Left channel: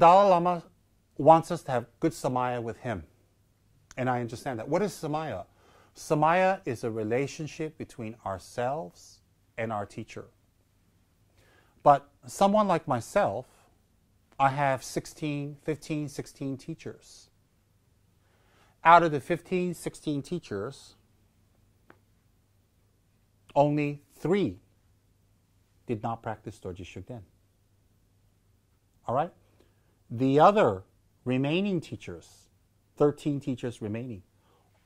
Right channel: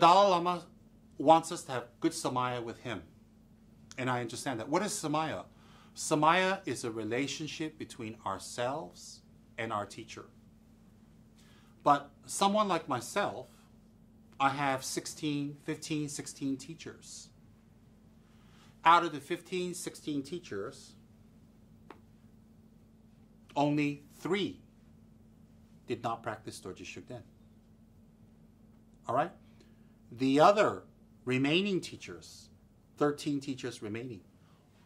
Dalai Lama wants us to have good samaya with him. And I understand that. What is samaya? Samaya is a relationship between ourselves and our teacher. But someone like myself, I have 15, 16 teachers. Out of the 15, 16 teachers, only 3 did not practice Dorje Shugden. All right? The other remaining teachers, 13 teachers remaining,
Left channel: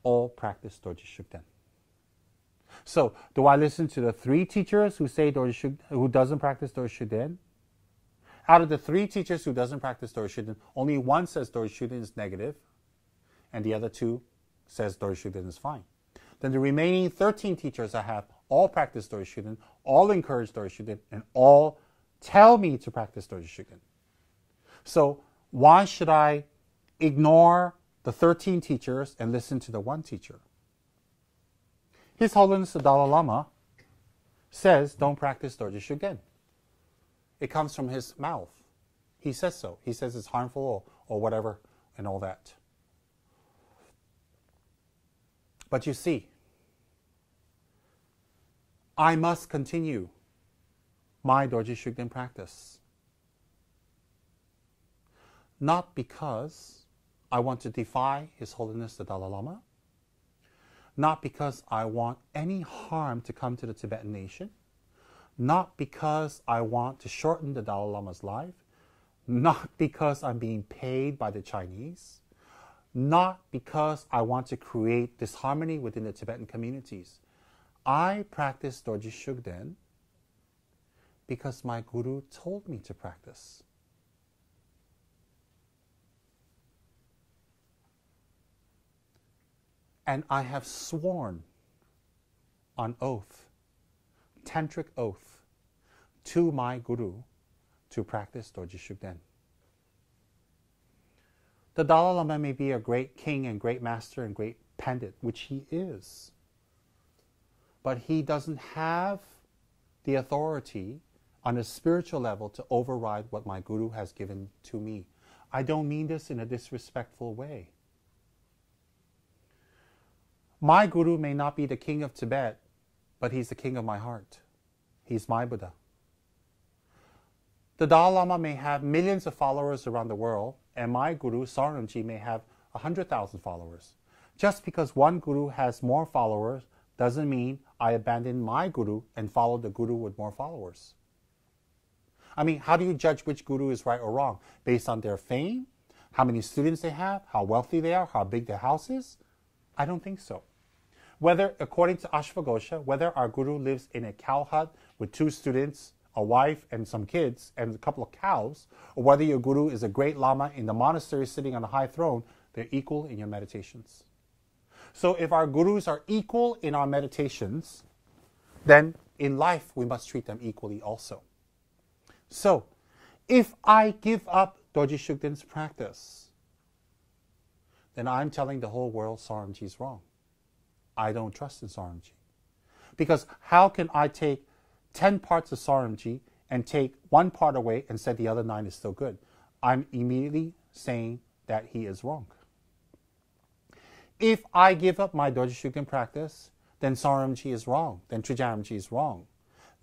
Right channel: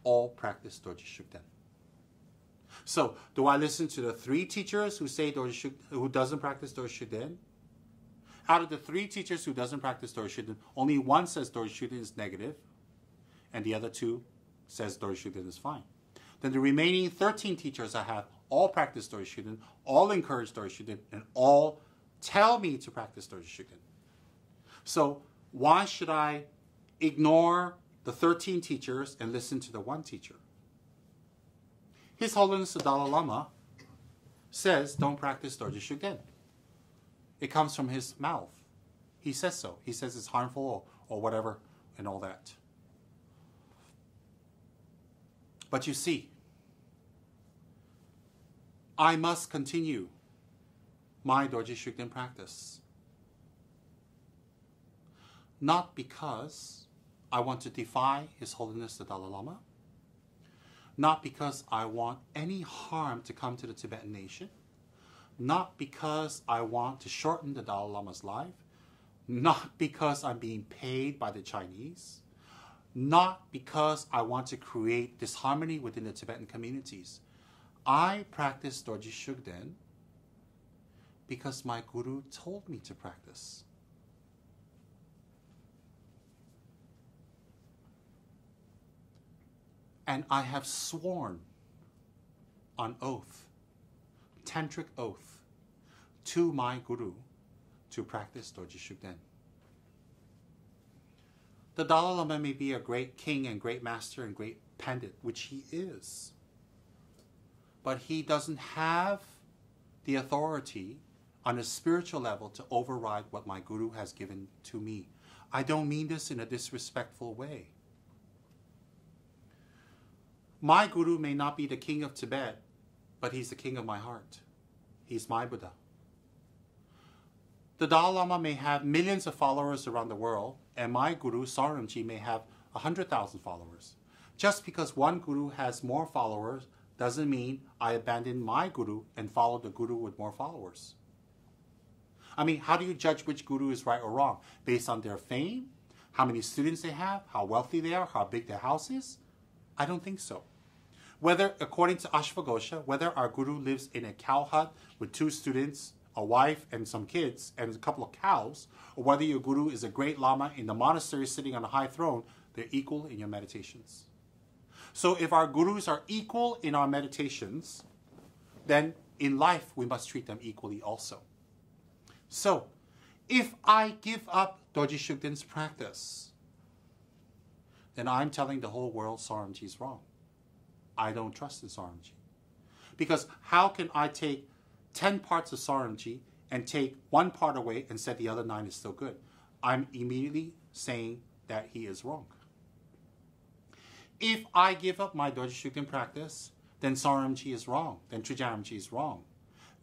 all practice Dorje Shugden. So, do I listen to the 3 teachers who say who doesn't practice Dorje Shugden? Out of the 3 teachers who doesn't practice Dorje Shugden, only one says Dorje Shugden is negative, and the other 2 says Dorje Shugden is fine. Then the remaining 13 teachers I have all practice Dorje Shugden, all encourage Dorje Shugden, and all tell me to practice Dorje Shugden. So why should I ignore the 13 teachers and listen to the 1 teacher? His Holiness the Dalai Lama says don't practice Dorje Shugden. It comes from his mouth. He says so. He says it's harmful or whatever and all that. But you see, I must continue my Dorje Shugden practice. Not because I want to defy His Holiness the Dalai Lama, not because I want any harm to come to the Tibetan nation, not because I want to shorten the Dalai Lama's life, not because I'm being paid by the Chinese, not because I want to create disharmony within the Tibetan communities. I practice Dorje Shugden because my guru told me to practice. And I have sworn on oath, tantric oath, to my guru to practice Dorje Shugden. The Dalai Lama may be a great king and great master and great pandit, which he is. But he doesn't have the authority on a spiritual level to override what my guru has given to me. I don't mean this in a disrespectful way. My guru may not be the king of Tibet, but he's the king of my heart. He's my Buddha. The Dalai Lama may have millions of followers around the world, and my guru, Saramji, may have 100,000 followers. Just because one guru has more followers doesn't mean I abandon my guru and follow the guru with more followers. I mean, how do you judge which guru is right or wrong? Based on their fame? How many students they have? How wealthy they are? How big their house is? I don't think so. Whether, according to Ashvaghosha, whether our guru lives in a cow hut with 2 students, a wife and some kids, and a couple of cows, or whether your guru is a great lama in the monastery sitting on a high throne, they're equal in your meditations. So if our gurus are equal in our meditations, then in life we must treat them equally also. So if I give up Dorje Shugden's practice, then I'm telling the whole world Saramji is wrong. I don't trust in Saramji. Because how can I take 10 parts of Saramji and take 1 part away and say the other 9 is still good? I'm immediately saying that he is wrong. If I give up my Dorje Shugden practice, then Saramji is wrong. Then Trijaramji is wrong.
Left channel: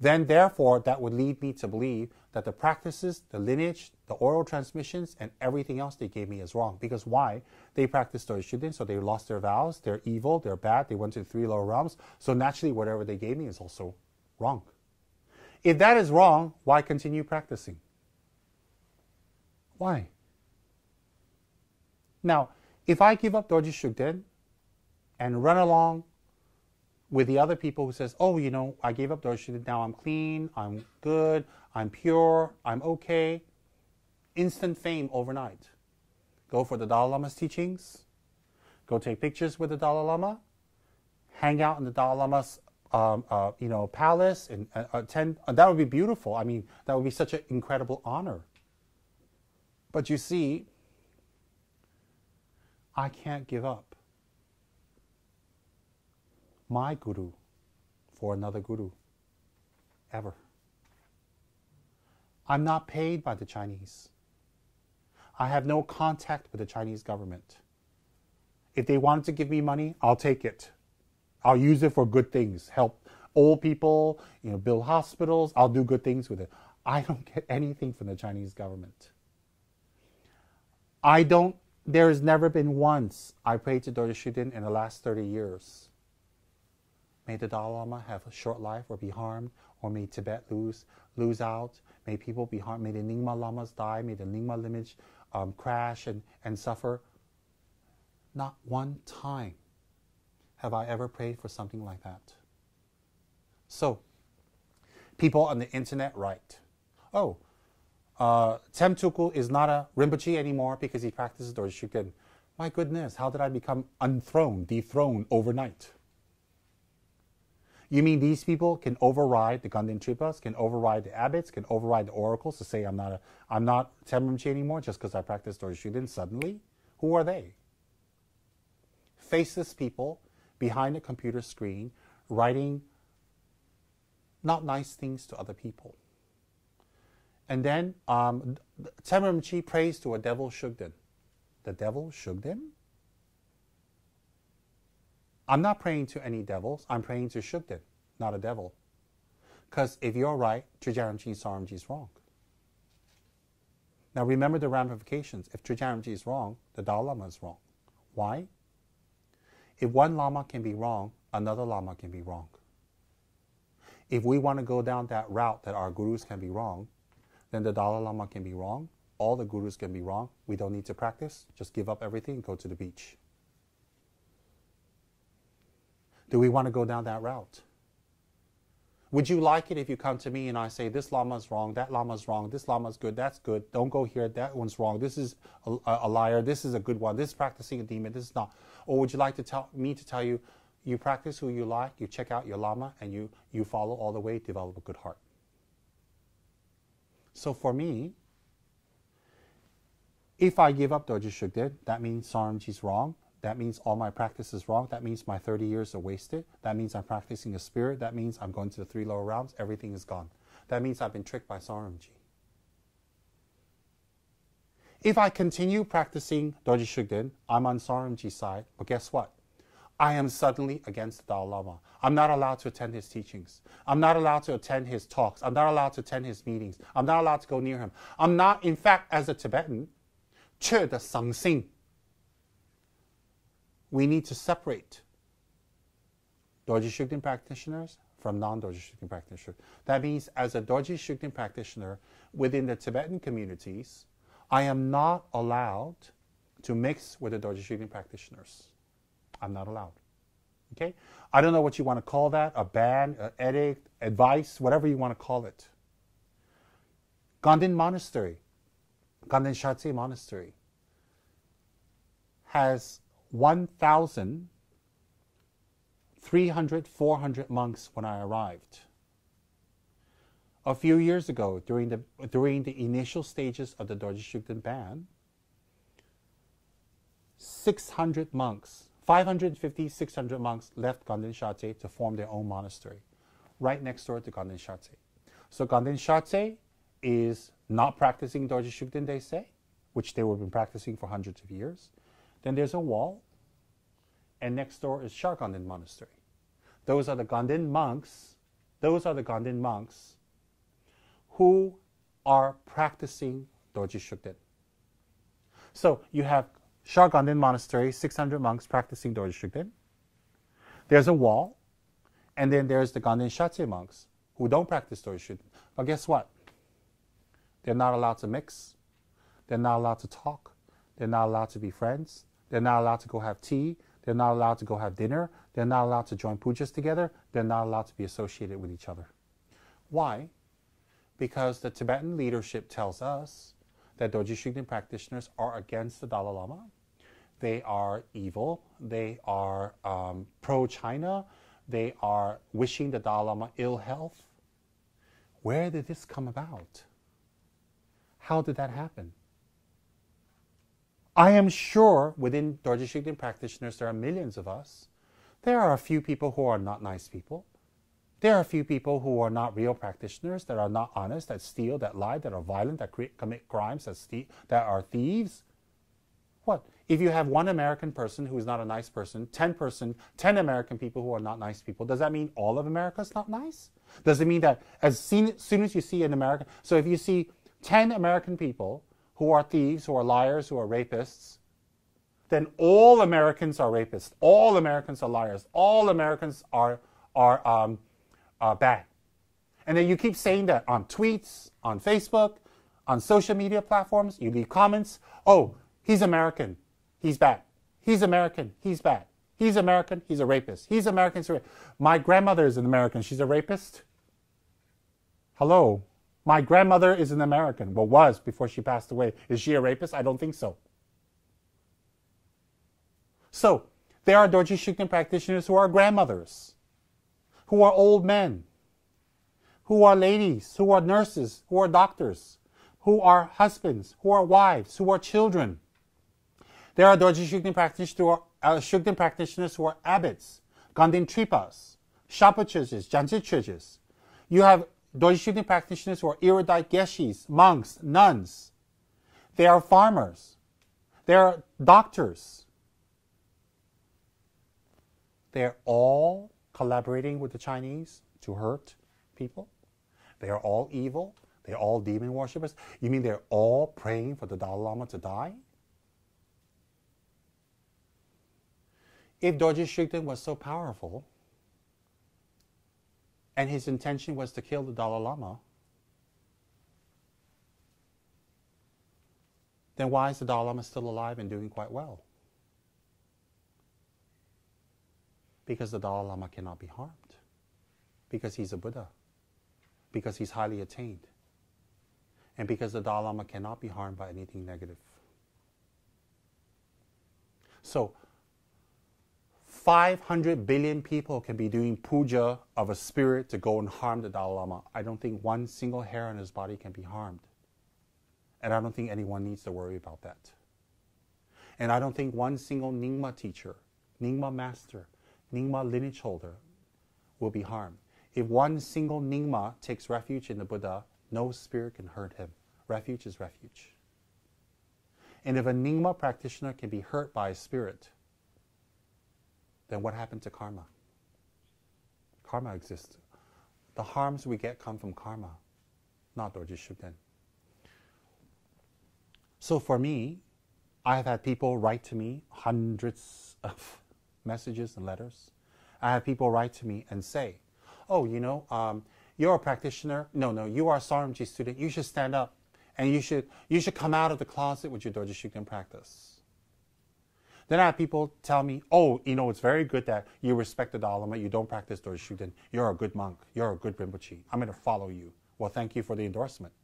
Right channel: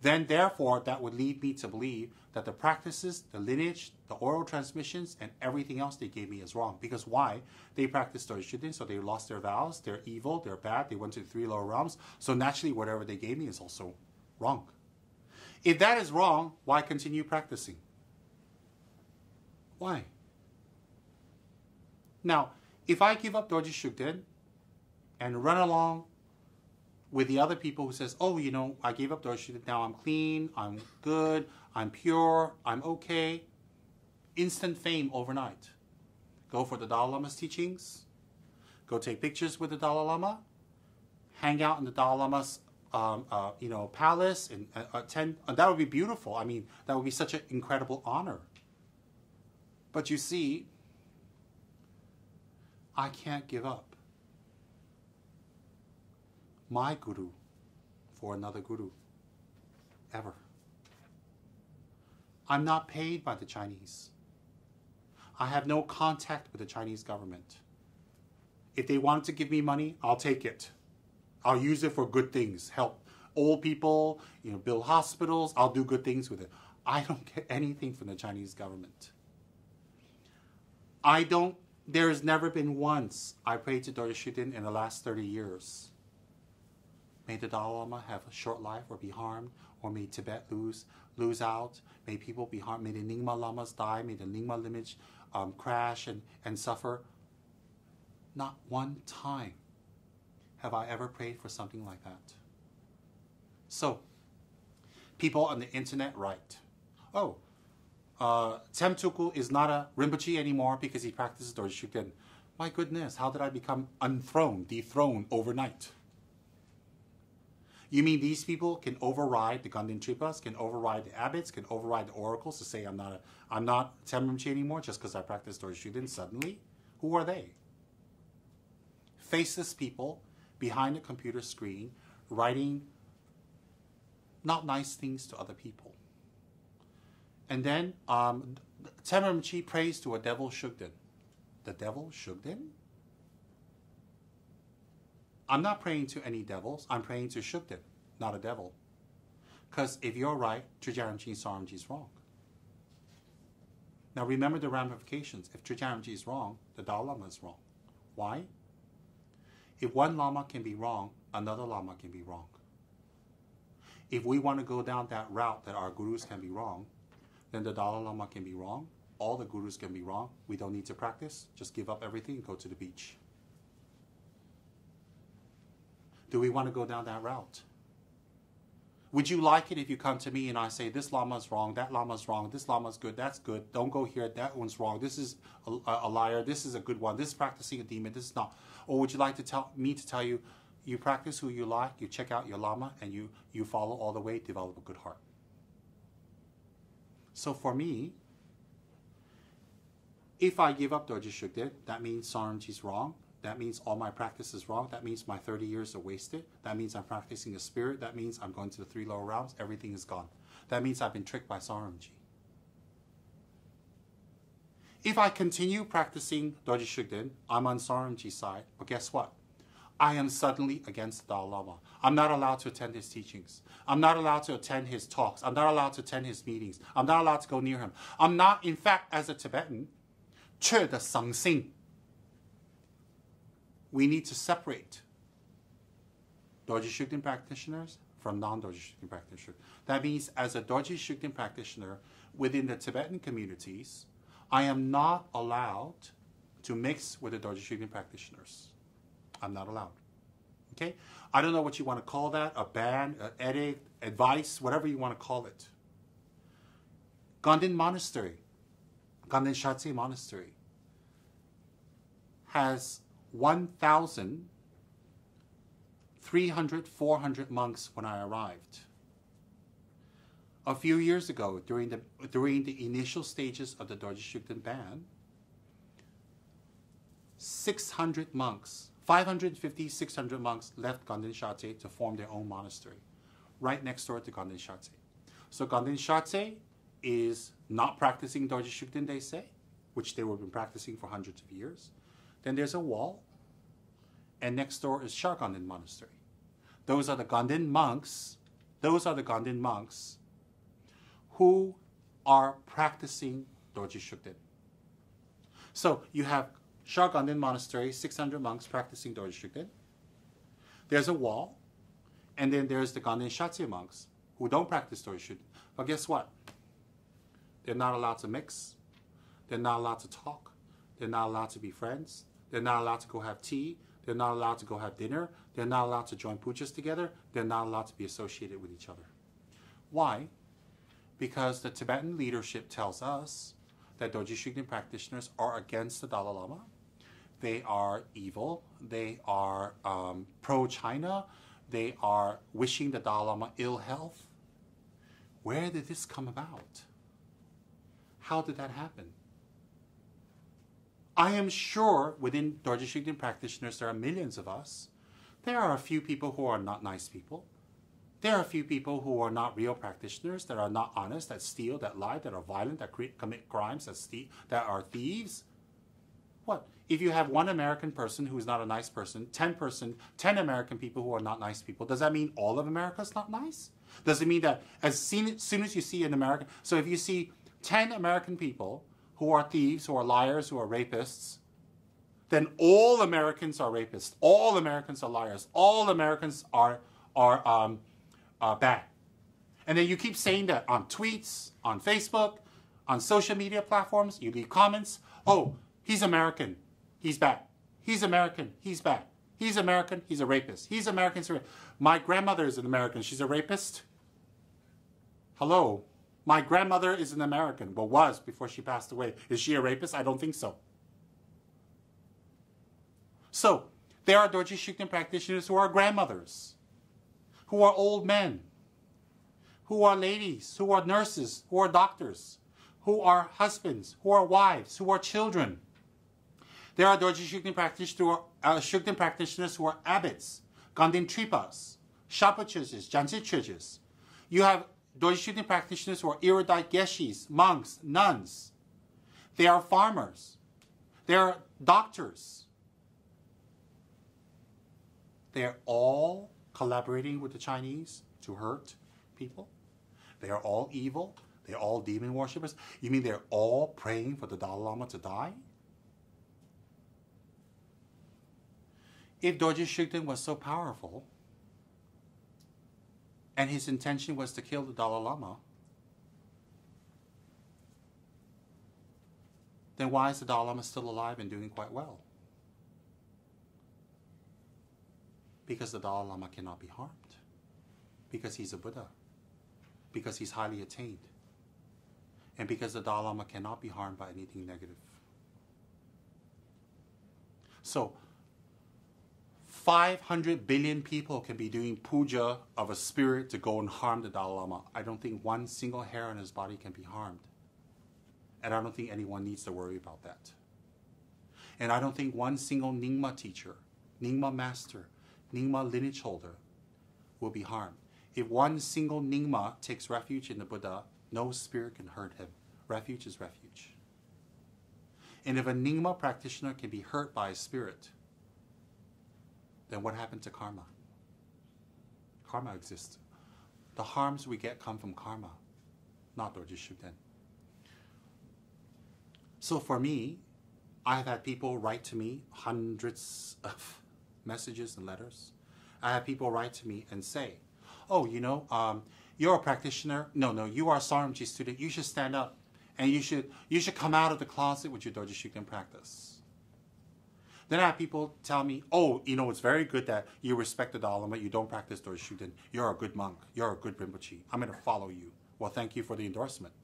Then therefore that would lead me to believe that the practices, the lineage, the oral transmissions, and everything else they gave me is wrong. Because why? They practiced Dorje Shugden, so they lost their vows, they're evil, they're bad, they went to the 3 lower realms, so naturally whatever they gave me is also wrong. If that is wrong, why continue practicing? Why? Now, if I give up Dorje Shugden and run along with the other people who says, oh, you know, I gave up Dorje Shugden, now I'm clean, I'm good, I'm pure, I'm okay. Instant fame overnight. Go for the Dalai Lama's teachings, go take pictures with the Dalai Lama, hang out in the Dalai Lama's palace, and attend. That would be beautiful. I mean, that would be such an incredible honor. But you see, I can't give up my guru for another guru, ever. I'm not paid by the Chinese. I have no contact with the Chinese government. If they wanted to give me money, I'll take it. I'll use it for good things. Help old people, build hospitals. I'll do good things with it. I don't get anything from the Chinese government. There has never been once I prayed to Dorje Shugden in the last 30 years. May the Dalai Lama have a short life or be harmed, or may Tibet lose out. May people be harmed. May the Nyingma Lamas die. May the Nyingma lineage crash and suffer. Not one time have I ever prayed for something like that. So, people on the internet write, oh, Tsem Tukul is not a Rinpoche anymore because he practices Dorje Shugden. My goodness, how did I become dethroned overnight? You mean these people can override the Ganden Tripas, can override the abbots, can override the oracles to say I'm not Tsem Rinpoche anymore just because I practice Dorje Shugden suddenly? Who are they? Faceless people behind a computer screen writing not nice things to other people. And then Tsem Rinpoche prays to a devil Shugden. The devil Shugden? I'm not praying to any devils. I'm praying to Shugden, not a devil. Because if you're right, Trijang Rinpoche Saramji is wrong. Now remember the ramifications. If Trijang Rinpoche is wrong, the Dalai Lama is wrong. Why? If one Lama can be wrong, another Lama can be wrong. If we want to go down that route that our gurus can be wrong, then the Dalai Lama can be wrong, all the gurus can be wrong, we don't need to practice, just give up everything and go to the beach. Do we want to go down that route? Would you like it if you come to me and I say, this Lama's wrong, that Lama's wrong, this Lama's good, that's good, don't go here, that one's wrong, this is a liar, this is a good one, this is practicing a demon, this is not. Or would you like to tell you, you practice who you like, you check out your Lama, and you follow all the way, develop a good heart. So for me, if I give up Dorje Shugden, that means Saramji's wrong. That means all my practice is wrong. That means my 30 years are wasted. That means I'm practicing a spirit. That means I'm going to the 3 lower realms. Everything is gone. That means I've been tricked by Saramji. If I continue practicing Dorje Shugden, I'm on Saramji's side. But guess what? I am suddenly against the Dalai Lama. I'm not allowed to attend his teachings. I'm not allowed to attend his talks. I'm not allowed to attend his meetings. I'm not allowed to go near him. I'm not, in fact, as a Tibetan, 缺的生性. We need to separate Dorje Shugden practitioners from non-Dorje Shugden practitioners. That means as a Dorje Shugden practitioner within the Tibetan communities, I am not allowed to mix with the Dorje Shugden practitioners. I'm not allowed. Okay? I don't know what you want to call that, a ban, an edict, advice, whatever you want to call it. Ganden Monastery, Ganden Shatse Monastery, has 1,300, 400 monks when I arrived. A few years ago, during the initial stages of the Dorje Shugden ban, 600 monks, 550, 600 monks left Ganden Shatse to form their own monastery, right next door to Ganden Shatse. So Ganden Shatse is not practicing Dorje Shugden, they say, which they have been practicing for hundreds of years. Then there's a wall, and next door is Shar Ganden Monastery. Those are the Ganden monks. Those are the Ganden monks who are practicing Dorje Shugden. So you have Shar Ganden Monastery, 600 monks practicing Dorje Shugden. There's a wall, and then there's the Ganden Shatse monks who don't practice Dorje Shugden. But guess what? They're not allowed to mix. They're not allowed to talk. They're not allowed to be friends. They're not allowed to go have tea. They're not allowed to go have dinner. They're not allowed to join pujas together. They're not allowed to be associated with each other. Why? Because the Tibetan leadership tells us that Dorje Shugden practitioners are against the Dalai Lama. They are evil. They are pro-China. They are wishing the Dalai Lama ill health. Where did this come about? How did that happen? I am sure within Dorje Shugden practitioners, there are millions of us. There are a few people who are not nice people. There are a few people who are not real practitioners, that are not honest, that steal, that lie, that are violent, that commit crimes, that are thieves. What? If you have one American person who is not a nice person, 10 American people who are not nice people, does that mean all of America is not nice? Does it mean that as soon as you see an American, so if you see 10 American people who are thieves, who are liars, who are rapists, then all Americans are rapists, all Americans are liars, all Americans are bad. And then you keep saying that on tweets, on Facebook, on social media platforms, you leave comments, oh, he's American, he's bad. He's American, he's bad. He's American, he's a rapist. He's American, he's a rapist. My grandmother is an American, she's a rapist? Hello? My grandmother is an American, well, was before she passed away. Is she a rapist? I don't think so. So, there are Dorji Shugden practitioners who are grandmothers, who are old men, who are ladies, who are nurses, who are doctors, who are husbands, who are wives, who are children. There are Dorji Shugden practitioners who are abbots, Ganden Tripas, Shapachuches, Janjichuches. You have Dorji Shugden practitioners who are erudite geshis, monks, nuns. They are farmers. They are doctors. They're all collaborating with the Chinese to hurt people. They are all evil. They're all demon worshippers. You mean they're all praying for the Dalai Lama to die? If Dorji Shugden was so powerful, and his intention was to kill the Dalai Lama, then why is the Dalai Lama still alive and doing quite well? Because the Dalai Lama cannot be harmed. Because he's a Buddha. Because he's highly attained. And because the Dalai Lama cannot be harmed by anything negative. So, 500 billion people can be doing puja of a spirit to go and harm the Dalai Lama. I don't think one single hair on his body can be harmed. And I don't think anyone needs to worry about that. And I don't think one single Nyingma teacher, Nyingma master, Nyingma lineage holder will be harmed. If one single Nyingma takes refuge in the Buddha, no spirit can hurt him. Refuge is refuge. And if a Nyingma practitioner can be hurt by a spirit, then what happened to karma? Karma exists. The harms we get come from karma, not Dorji Shugden. So for me, I have had people write to me, hundreds of messages and letters. I have people write to me and say, oh, you know, you're a practitioner. No, you are a Saramji student. You should stand up and you should come out of the closet with your Dorji Shugden practice. Then I have people tell me, oh, you know, it's very good that you respect the Dalai Lama, you don't practice Dorji Shugden. You're a good monk. You're a good Rinpoche. I'm going to follow you. Well, thank you for the endorsement.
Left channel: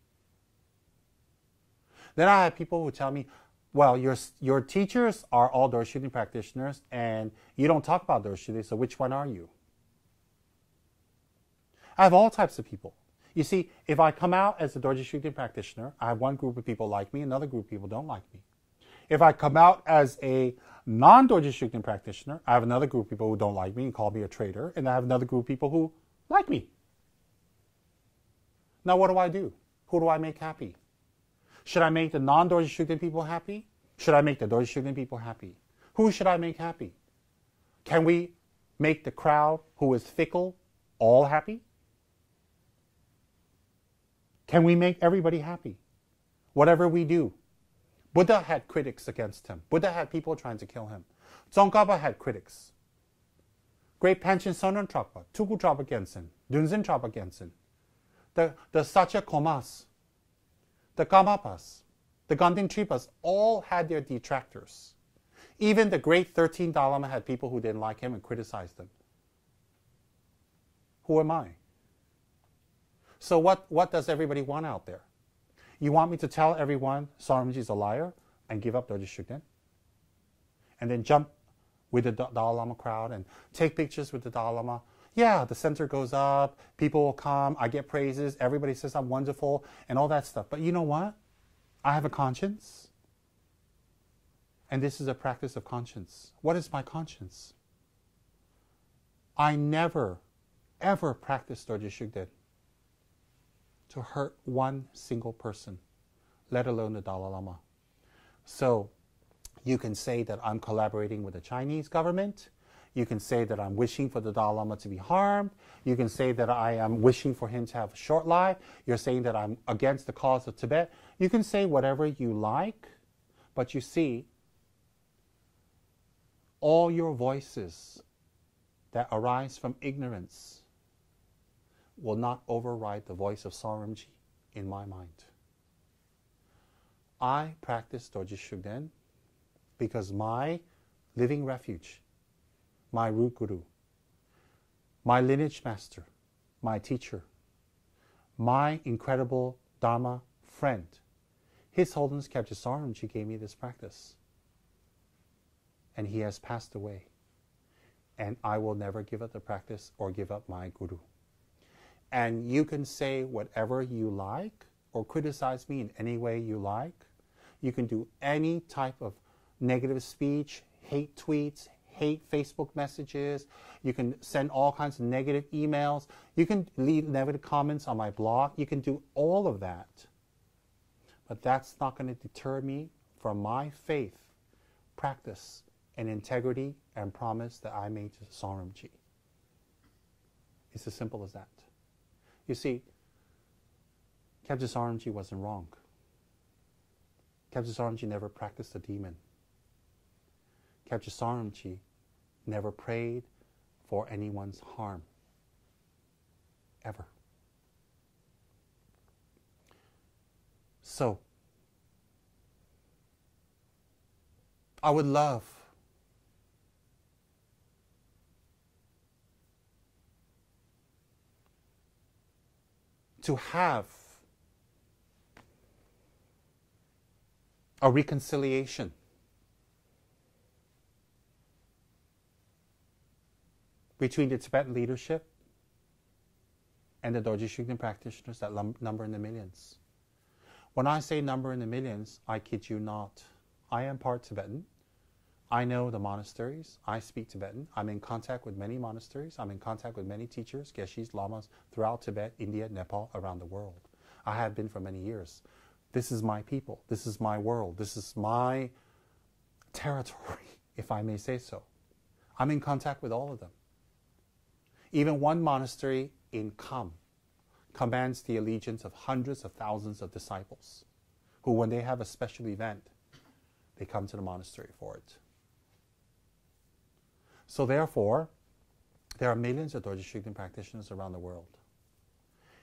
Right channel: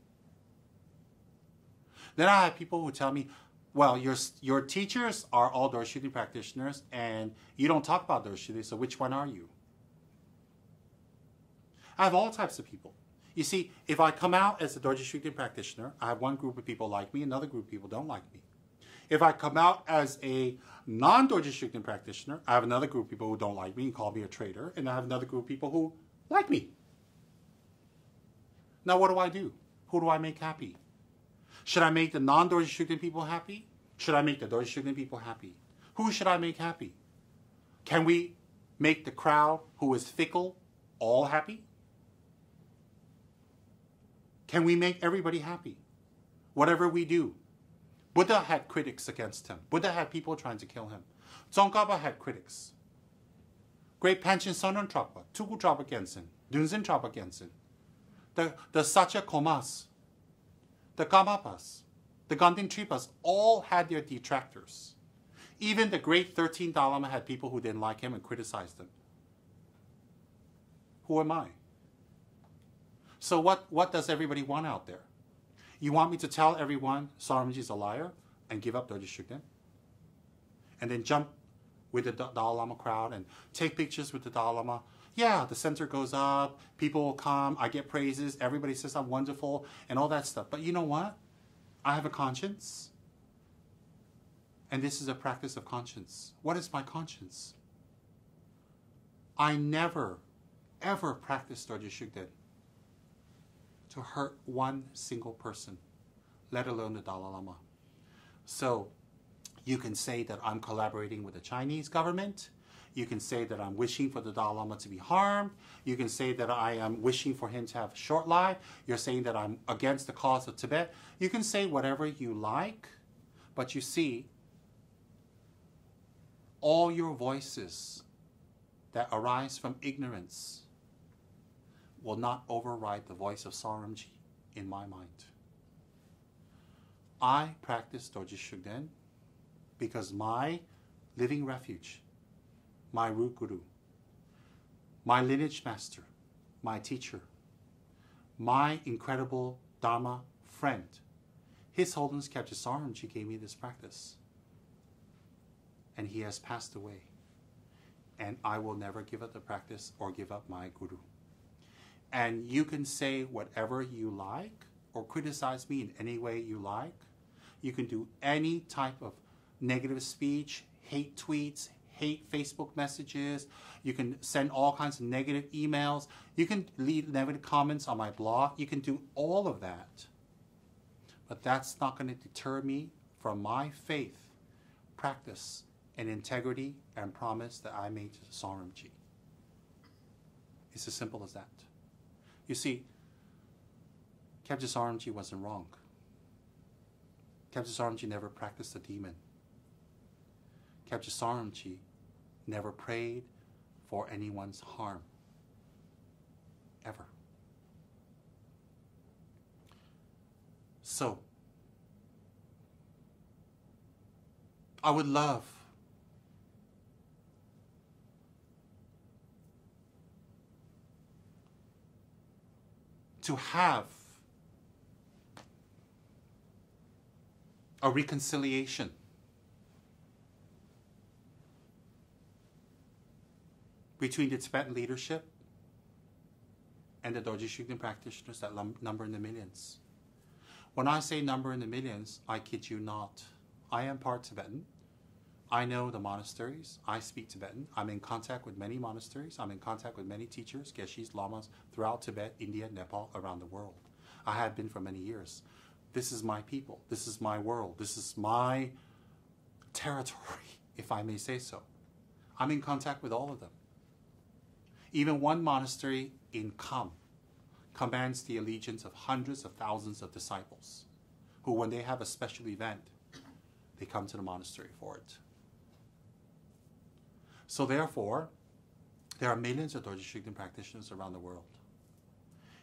Then I have people who tell me, well, your teachers are all Dorji Shugden practitioners and you don't talk about Dorji Shugden, so which one are you? I have all types of people. You see, if I come out as a Dorji Shugden practitioner, I have one group of people like me, another group of people don't like me. If I come out as a non-Dorji Shugden practitioner, I have another group of people who don't like me and call me a traitor, and I have another group of people who like me. Now what do? Who do I make happy? Should I make the non-Dorji Shugden people happy? Should I make the Dorji Shugden people happy? Who should I make happy? Can we make the crowd who is fickle all happy? Can we make everybody happy? Whatever we do. Buddha had critics against him. Buddha had people trying to kill him. Tsongkhapa had critics. Great Panchen Sonron Trapa, Tuku Trapa Gensen, Dunzen Trapa Gensen, the Sacha Komas, the Kamapas, the Ganding Tripas, all had their detractors. Even the great 13th Dalai Lama had people who didn't like him and criticized him. Who am I? So what does everybody want out there? You want me to tell everyone Saramji is a liar and give up Dorji Shugden? And then jump with the Dalai Lama crowd and take pictures with the Dalai Lama? Yeah, the center goes up, people will come, I get praises, everybody says I'm wonderful, and all that stuff. But you know what? I have a conscience. And this is a practice of conscience. What is my conscience? I never ever practice Dorje Shugden to hurt one single person, let alone the Dalai Lama. So you can say that I'm collaborating with the Chinese government. You can say that I'm wishing for the Dalai Lama to be harmed. You can say that I am wishing for him to have a short life. You're saying that I'm against the cause of Tibet. You can say whatever you like, but you see, all your voices that arise from ignorance will not override the voice of Saramji in my mind. I practice Dorje Shugden because my living refuge, my root guru, my lineage master, my teacher, my incredible Dharma friend, His Holiness Kyabje Saramji gave me this practice. And he has passed away. And I will never give up the practice or give up my guru. And you can say whatever you like or criticize me in any way you like. You can do any type of negative speech, hate tweets, hate Facebook messages. You can send all kinds of negative emails. You can leave negative comments on my blog. You can do all of that. But that's not going to deter me from my faith, practice, and integrity and promise that I made to Saramji. It's as simple as that. You see, Kyabje Saramji wasn't wrong. Kyabje Saramji never practiced a demon. Kyabje Saramji never prayed for anyone's harm. Ever. So, I would love to have a reconciliation between the Tibetan leadership and the Dorje Shugden practitioners that number in the millions. When I say number in the millions, I kid you not. I am part Tibetan. I know the monasteries. I speak Tibetan. I'm in contact with many monasteries. I'm in contact with many teachers, geshis, lamas throughout Tibet, India, Nepal, around the world. I have been for many years. This is my people. This is my world. This is my territory, if I may say so. I'm in contact with all of them. Even one monastery in Kham commands the allegiance of hundreds of thousands of disciples who, when they have a special event, they come to the monastery for it. So therefore, there are millions of Dorje Shugden practitioners around the world.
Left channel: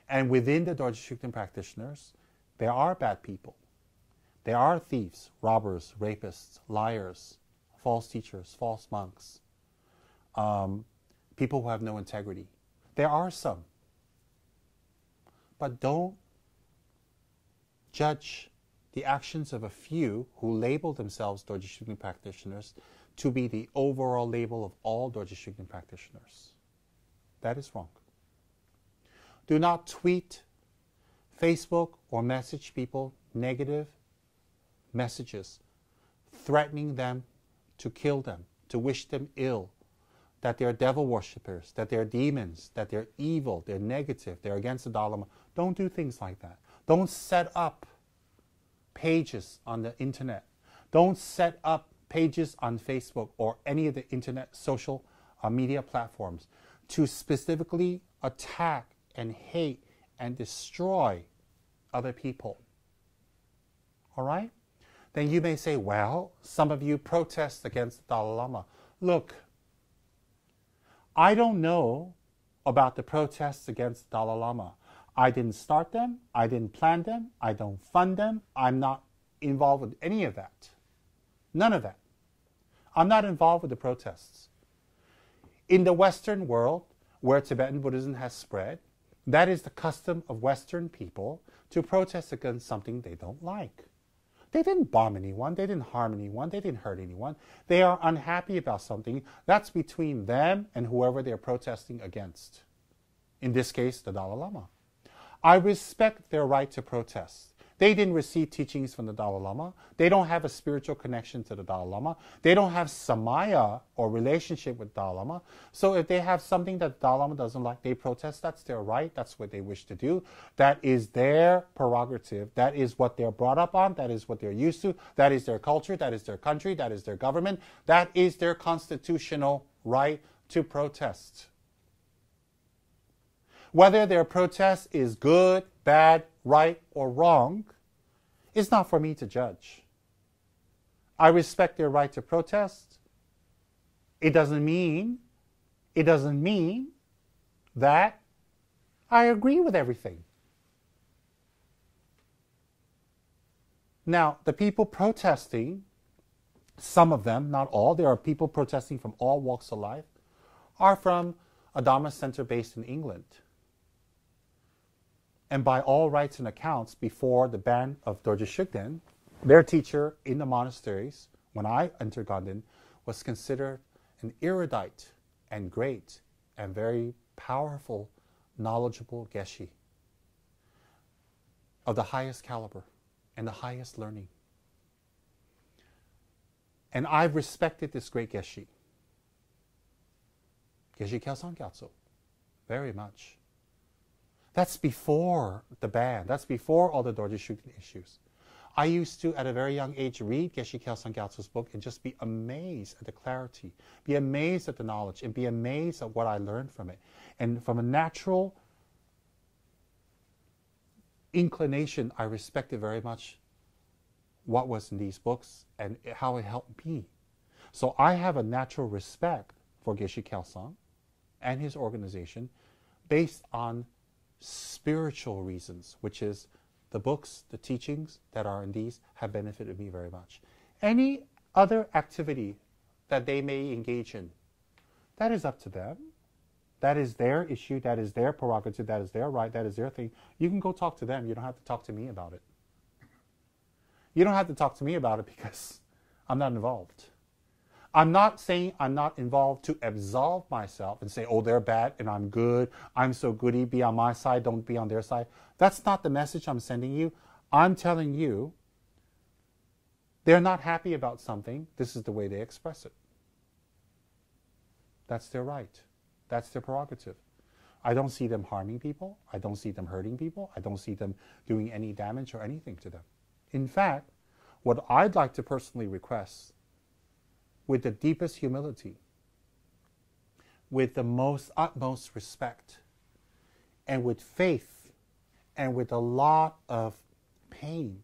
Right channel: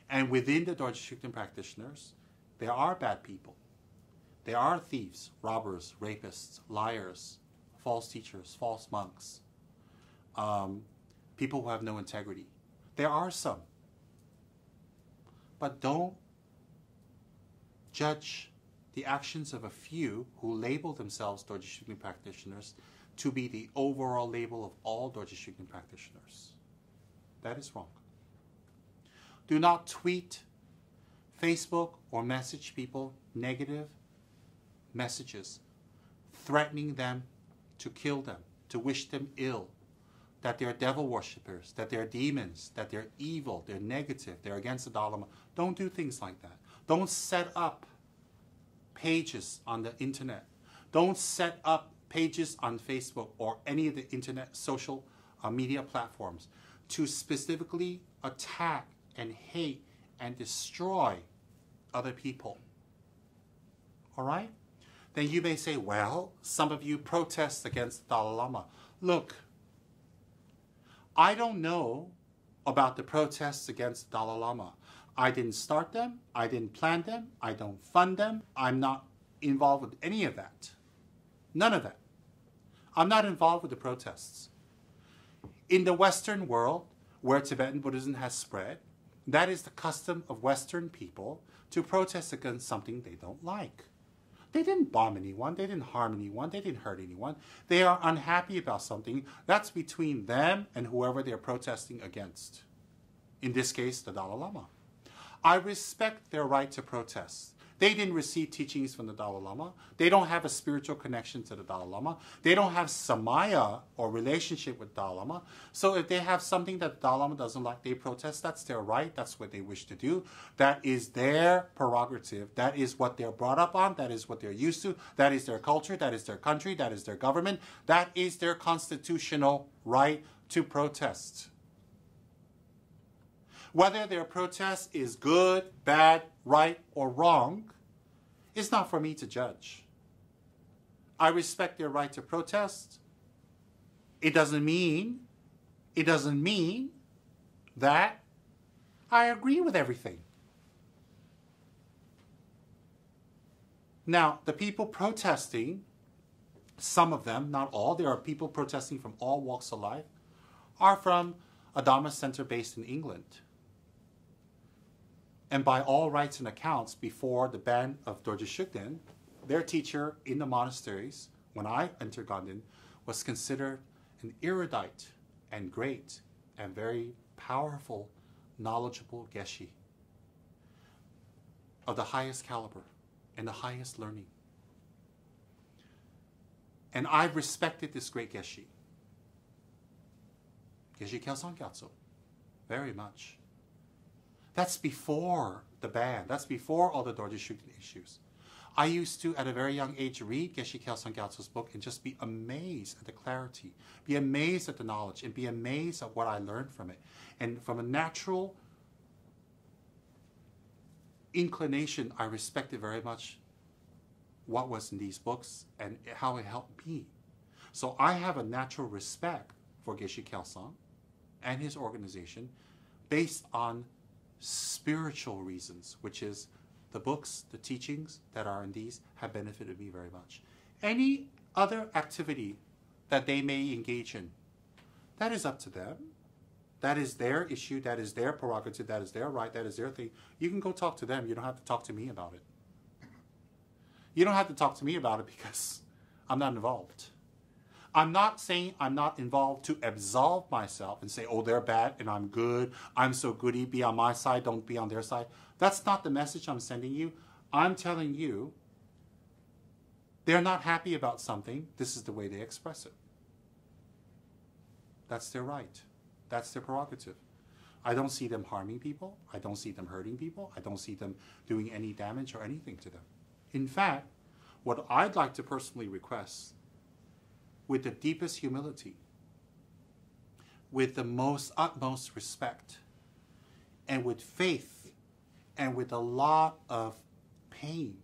And within the Dorje Shugden practitioners, there are bad people. There are thieves, robbers, rapists, liars, false teachers, false monks, people who have no integrity. There are some. But don't judge the actions of a few who label themselves Dorje Shugden practitioners to be the overall label of all Dorje Shugden practitioners. That is wrong. Do not tweet, Facebook, or message people negative messages, threatening them to kill them, to wish them ill, that they're devil worshippers, that they're demons, that they're evil, they're negative, they're against the Dalai Lama. Don't do things like that. Don't set up pages on the internet. Don't set up pages on Facebook or any of the internet social media platforms to specifically attack and hate and destroy other people. All right? Then you may say, well, some of you protest against the Dalai Lama. Look, I don't know about the protests against the Dalai Lama. I didn't start them. I didn't plan them. I don't fund them. I'm not involved with any of that. None of that. I'm not involved with the protests. In the Western world, where Tibetan Buddhism has spread, that is the custom of Western people to protest against something they don't like. They didn't bomb anyone. They didn't harm anyone. They didn't hurt anyone. They are unhappy about something. That's between them and whoever they're protesting against. In this case, the Dalai Lama. I respect their right to protest. They didn't receive teachings from the Dalai Lama. They don't have a spiritual connection to the Dalai Lama. They don't have samaya or relationship with Dalai Lama. So if they have something that Dalai Lama doesn't like, they protest. That's their right. That's what they wish to do. That is their prerogative. That is what they're brought up on. That is what they're used to. That is their culture. That is their country. That is their government. That is their constitutional right to protest. Whether their protest is good, bad, right, or wrong, it's not for me to judge. I respect their right to protest. It doesn't mean that I agree with everything. Now, the people protesting, some of them, not all, there are people protesting from all walks of life, are from a Dharma center based in England. And by all rights and accounts, before the ban of Dorje Shugden, their teacher in the monasteries, when I entered Ganden, was considered an erudite and great and very powerful, knowledgeable geshe of the highest caliber and the highest learning. And I've respected this great geshe, Geshe Kelsang Gyatso, very much. That's before the ban. That's before all the Dorje Shugden issues. I used to, at a very young age, read Geshe Kelsang Gyatso's book and just be amazed at the clarity, be amazed at the knowledge, and be amazed at what I learned from it. And from a natural inclination, I respected very much what was in these books and how it helped me. So I have a natural respect for Geshe Kelsang and his organization based on spiritual reasons, which is the books, the teachings that are in these have benefited me very much. Any other activity that they may engage in, that is up to them. That is their issue. That is their prerogative. That is their right. That is their thing. You can go talk to them. You don't have to talk to me about it. You don't have to talk to me about it because I'm not involved. I'm not saying I'm not involved to absolve myself and say, oh, they're bad and I'm good. I'm so goody. Be on my side. Don't be on their side. That's not the message I'm sending you. I'm telling you they're not happy about something. This is the way they express it. That's their right. That's their prerogative. I don't see them harming people. I don't see them hurting people. I don't see them doing any damage or anything to them. In fact, what I'd like to personally request, with the deepest humility, with the most utmost respect, and with faith, and with a lot of pain,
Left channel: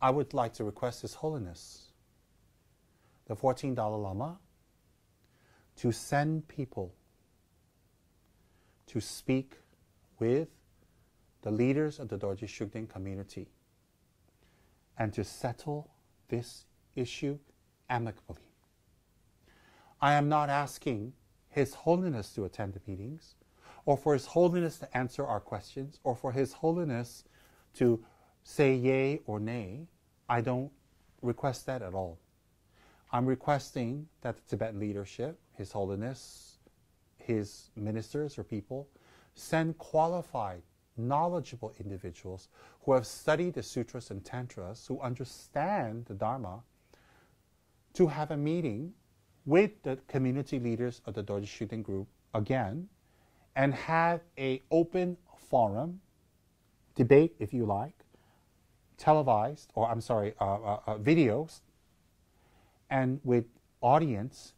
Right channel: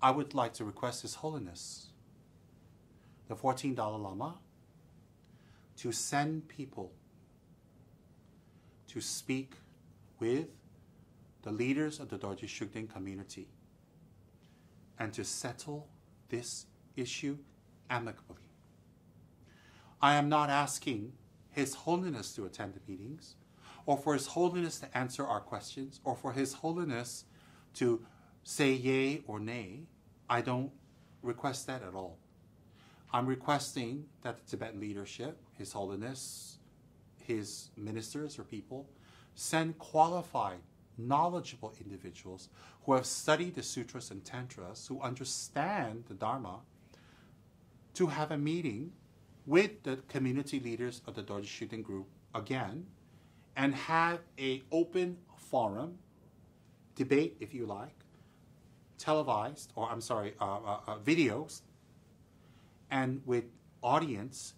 I would like to request His Holiness, the 14th Dalai Lama, to send people to speak with the leaders of the Dorje Shugden community and to settle this issue amicably. I am not asking His Holiness to attend the meetings, or for His Holiness to answer our questions, or for His Holiness to say yay or nay. I don't request that at all. I'm requesting that the Tibetan leadership, His Holiness, His ministers or people, send qualified, knowledgeable individuals who have studied the sutras and tantras, who understand the Dharma, to have a meeting with the community leaders of the Dorje Shugden group again, and have an open forum, debate if you like, televised, or videos, and with audience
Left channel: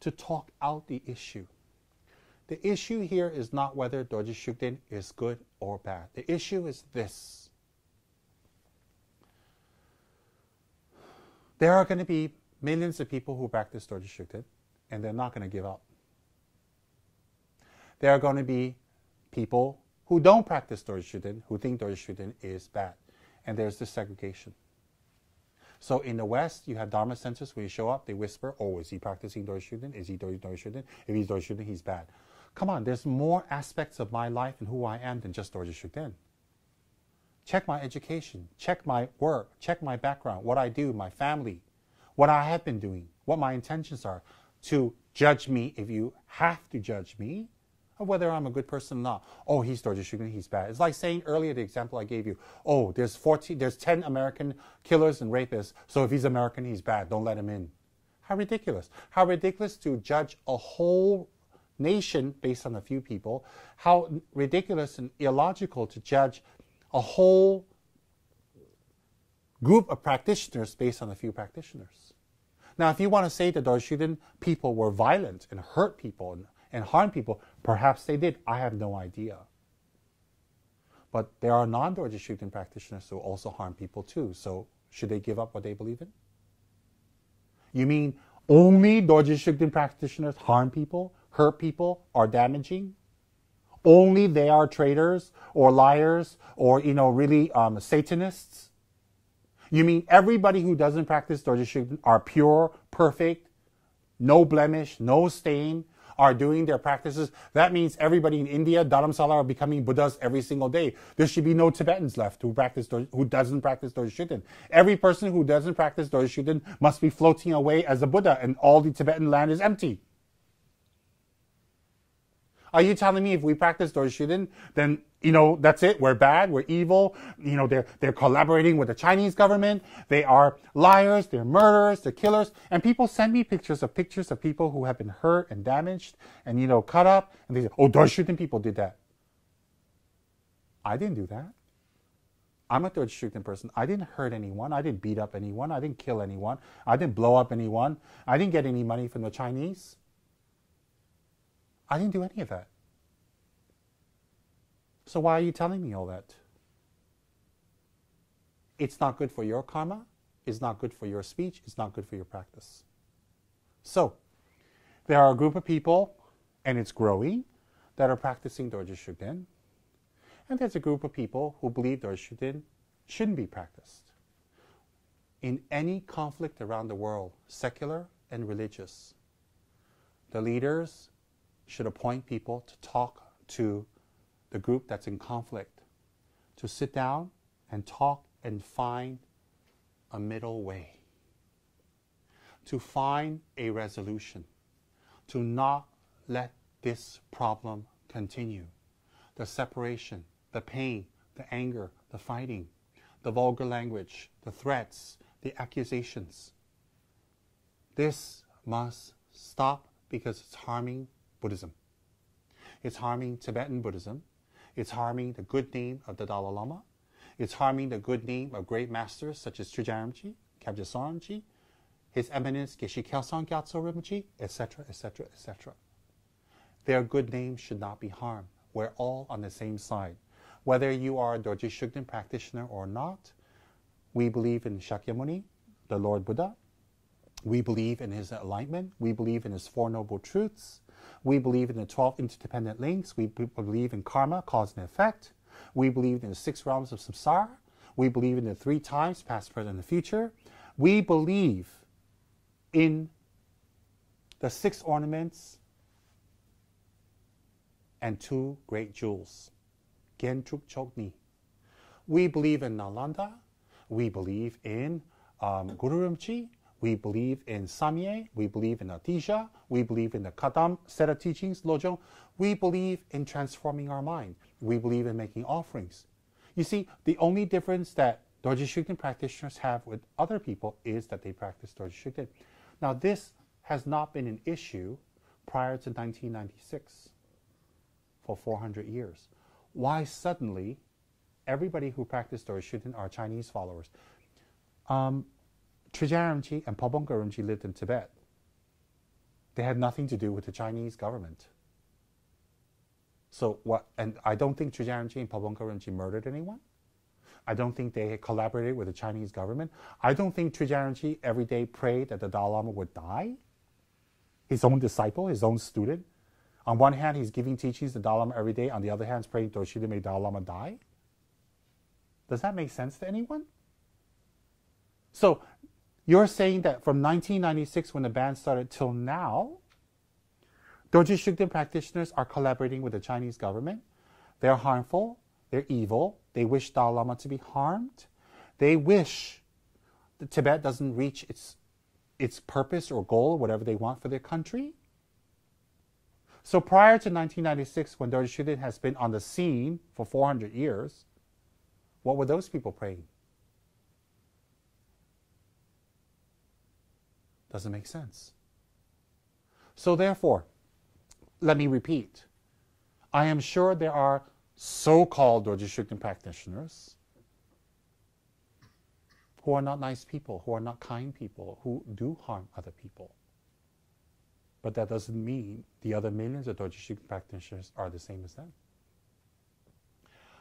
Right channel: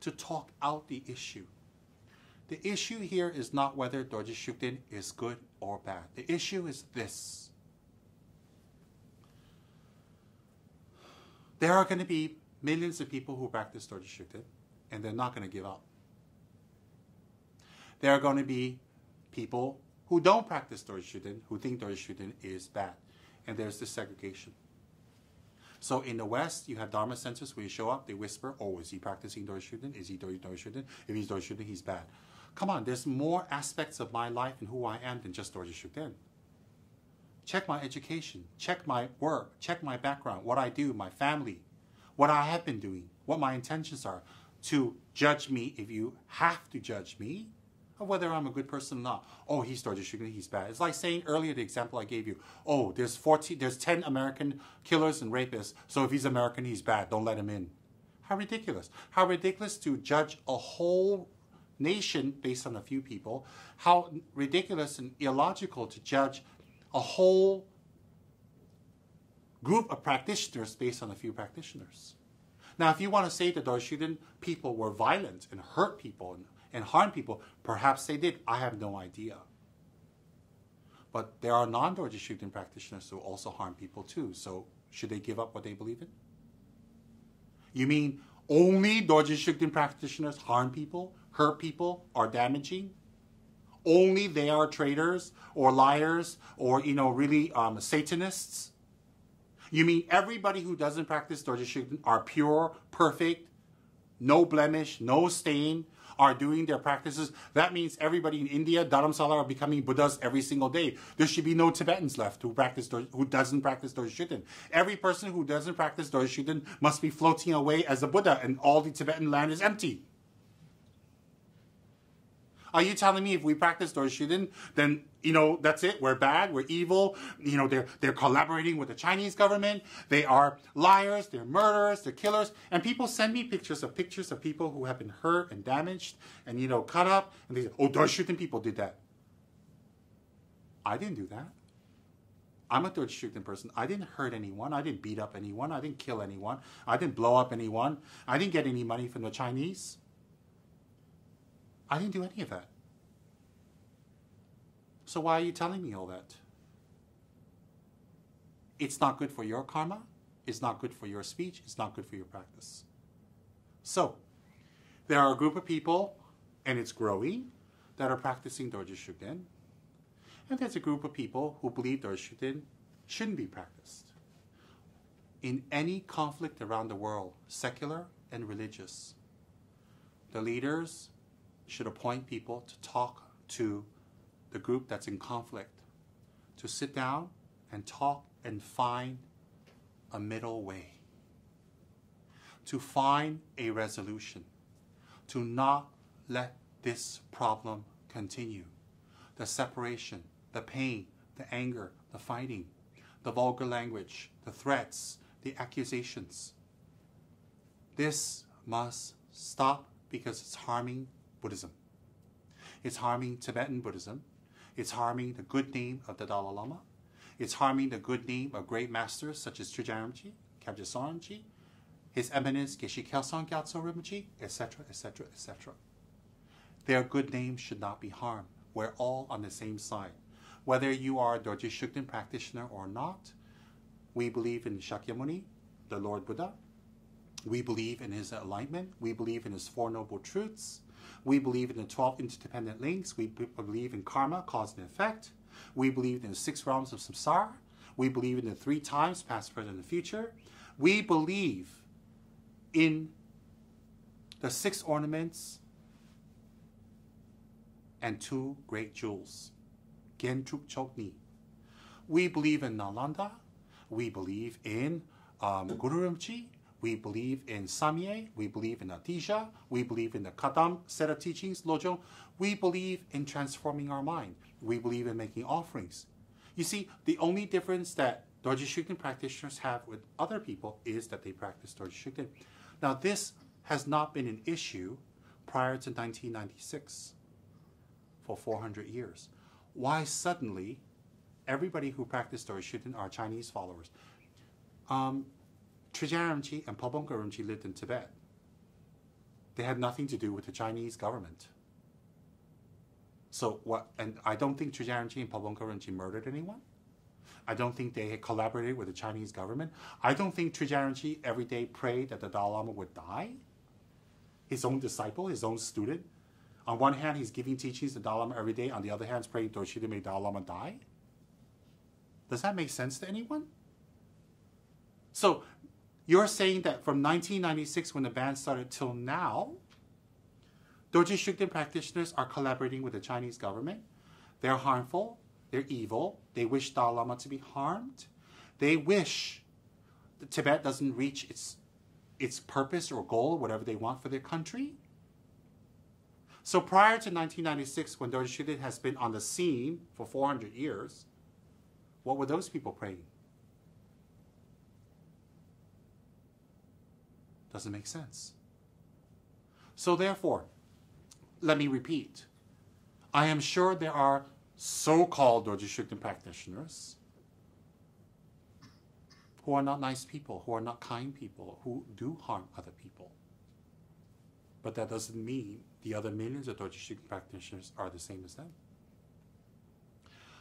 to talk out the issue. The issue here is not whether Dorje Shugden is good or bad. The issue is this. There are going to be millions of people who practice Dorje Shugden, and they're not going to give up. There are going to be people who don't practice Dorje Shugden, who think Dorje Shugden is bad. And there's this segregation. So in the West, you have Dharma centers where you show up, they whisper, oh, is he practicing Dorje Shugden? Is he doing Dorje Shugden? If he's Dorje Shugden, he's bad. Come on, there's more aspects of my life and who I am than just Dorje Shugden. Check my education, check my work, check my background, what I do, my family, what I have been doing, what my intentions are. To judge me, if you have to judge me, of whether I'm a good person or not. Oh, he's Dorje Shugden, he's bad. It's like saying earlier, the example I gave you, oh, there's 10 American killers and rapists, so if he's American, he's bad, don't let him in. How ridiculous. How ridiculous to judge a whole nation based on a few people. How ridiculous and illogical to judge a whole group of practitioners based on a few practitioners. Now, if you want to say that Dorje Shugden people were violent and hurt people and harm people, perhaps they did. I have no idea. But there are non-Dorje Shugden practitioners who also harm people too. So should they give up what they believe in? You mean only Dorje Shugden practitioners harm people, hurt people, are damaging? Only they are traitors or liars or, really Satanists? You mean everybody who doesn't practice Dorje Shugden are pure, perfect, no blemish, no stain, are doing their practices? That means everybody in India, Dharamsala, are becoming Buddhas every single day. There should be no Tibetans left who doesn't practice Dorje Shugden. Every person who doesn't practice Dorje Shugden must be floating away as a Buddha, and all the Tibetan land is empty. Are you telling me if we practice Dorje Shugden, then, that's it, we're bad, we're evil, they're collaborating with the Chinese government, they are liars, they're murderers, they're killers, and people send me pictures of people who have been hurt and damaged and, cut up, and they say, oh, Dorje Shugden people did that. I didn't do that. I'm a Dorje Shugden person. I didn't hurt anyone, I didn't beat up anyone, I didn't kill anyone, I didn't blow up anyone, I didn't get any money from the Chinese. I didn't do any of that. So why are you telling me all that? It's not good for your karma. It's not good for your speech. It's not good for your practice. So there are a group of people, and it's growing, that are practicing Dorje Shugden. And there's a group of people who believe Dorje Shugden shouldn't be practiced. In any conflict around the world, secular and religious, the leaders should appoint people to talk to the group that's in conflict, to sit down and talk and find a middle way, to find a resolution, to not let this problem continue. The separation, the pain, the anger, the fighting, the vulgar language, the threats, the accusations. This must stop because it's harming Buddhism. It's harming Tibetan Buddhism. It's harming the good name of the Dalai Lama. It's harming the good name of great masters such as Trungpa Rinpoche, Kyabje Rinpoche, His Eminence Geshe Kelsang Gyatso Rinpoche, etc., etc., etc. Their good name should not be harmed. We're all on the same side. Whether you are a Dorje Shugden practitioner or not, we believe in Shakyamuni, the Lord Buddha. We believe in his enlightenment. We believe in his Four Noble Truths. We believe in the 12 interdependent links. We believe in karma, cause and effect. We believe in the 6 realms of samsara. We believe in the 3 times, past, present, and future. We believe in the 6 ornaments and 2 great jewels, Gen Truk Chokni. We believe in Nalanda. We believe in Guru Rinpoche. We believe in Samye. We believe in Adija. We believe in the Kadam set of teachings, Lojong. We believe in transforming our mind. We believe in making offerings. You see, the only difference that Dorje Shugden practitioners have with other people is that they practice Dorje Shugden. Now, this has not been an issue prior to 1996 for 400 years. Why suddenly everybody who practiced Dorje Shugden are Chinese followers? Trungpa Rinpoche and Pabongka Rinpoche lived in Tibet. They had nothing to do with the Chinese government. So what? And I don't think Trungpa Rinpoche and Pabongka Rinpoche murdered anyone. I don't think they collaborated with the Chinese government. I don't think Trungpa Rinpoche every day prayed that the Dalai Lama would die. His own disciple, his own student. On one hand, he's giving teachings to the Dalai Lama every day. On the other hand, he's praying Dorje Shugden may Dalai Lama die. Does that make sense to anyone? So you're saying that from 1996, when the ban started, till now, Dorje Shugden practitioners are collaborating with the Chinese government. They're harmful. They're evil. They wish Dalai Lama to be harmed. They wish that Tibet doesn't reach its purpose or goal, whatever they want for their country. So prior to 1996, when Dorje Shugden has been on the scene for 400 years, what were those people praying? Doesn't make sense. So therefore, let me repeat. I am sure there are so-called Dorje Shugden practitioners who are not nice people, who are not kind people, who do harm other people. But that doesn't mean the other millions of Dorje Shugden practitioners are the same as them.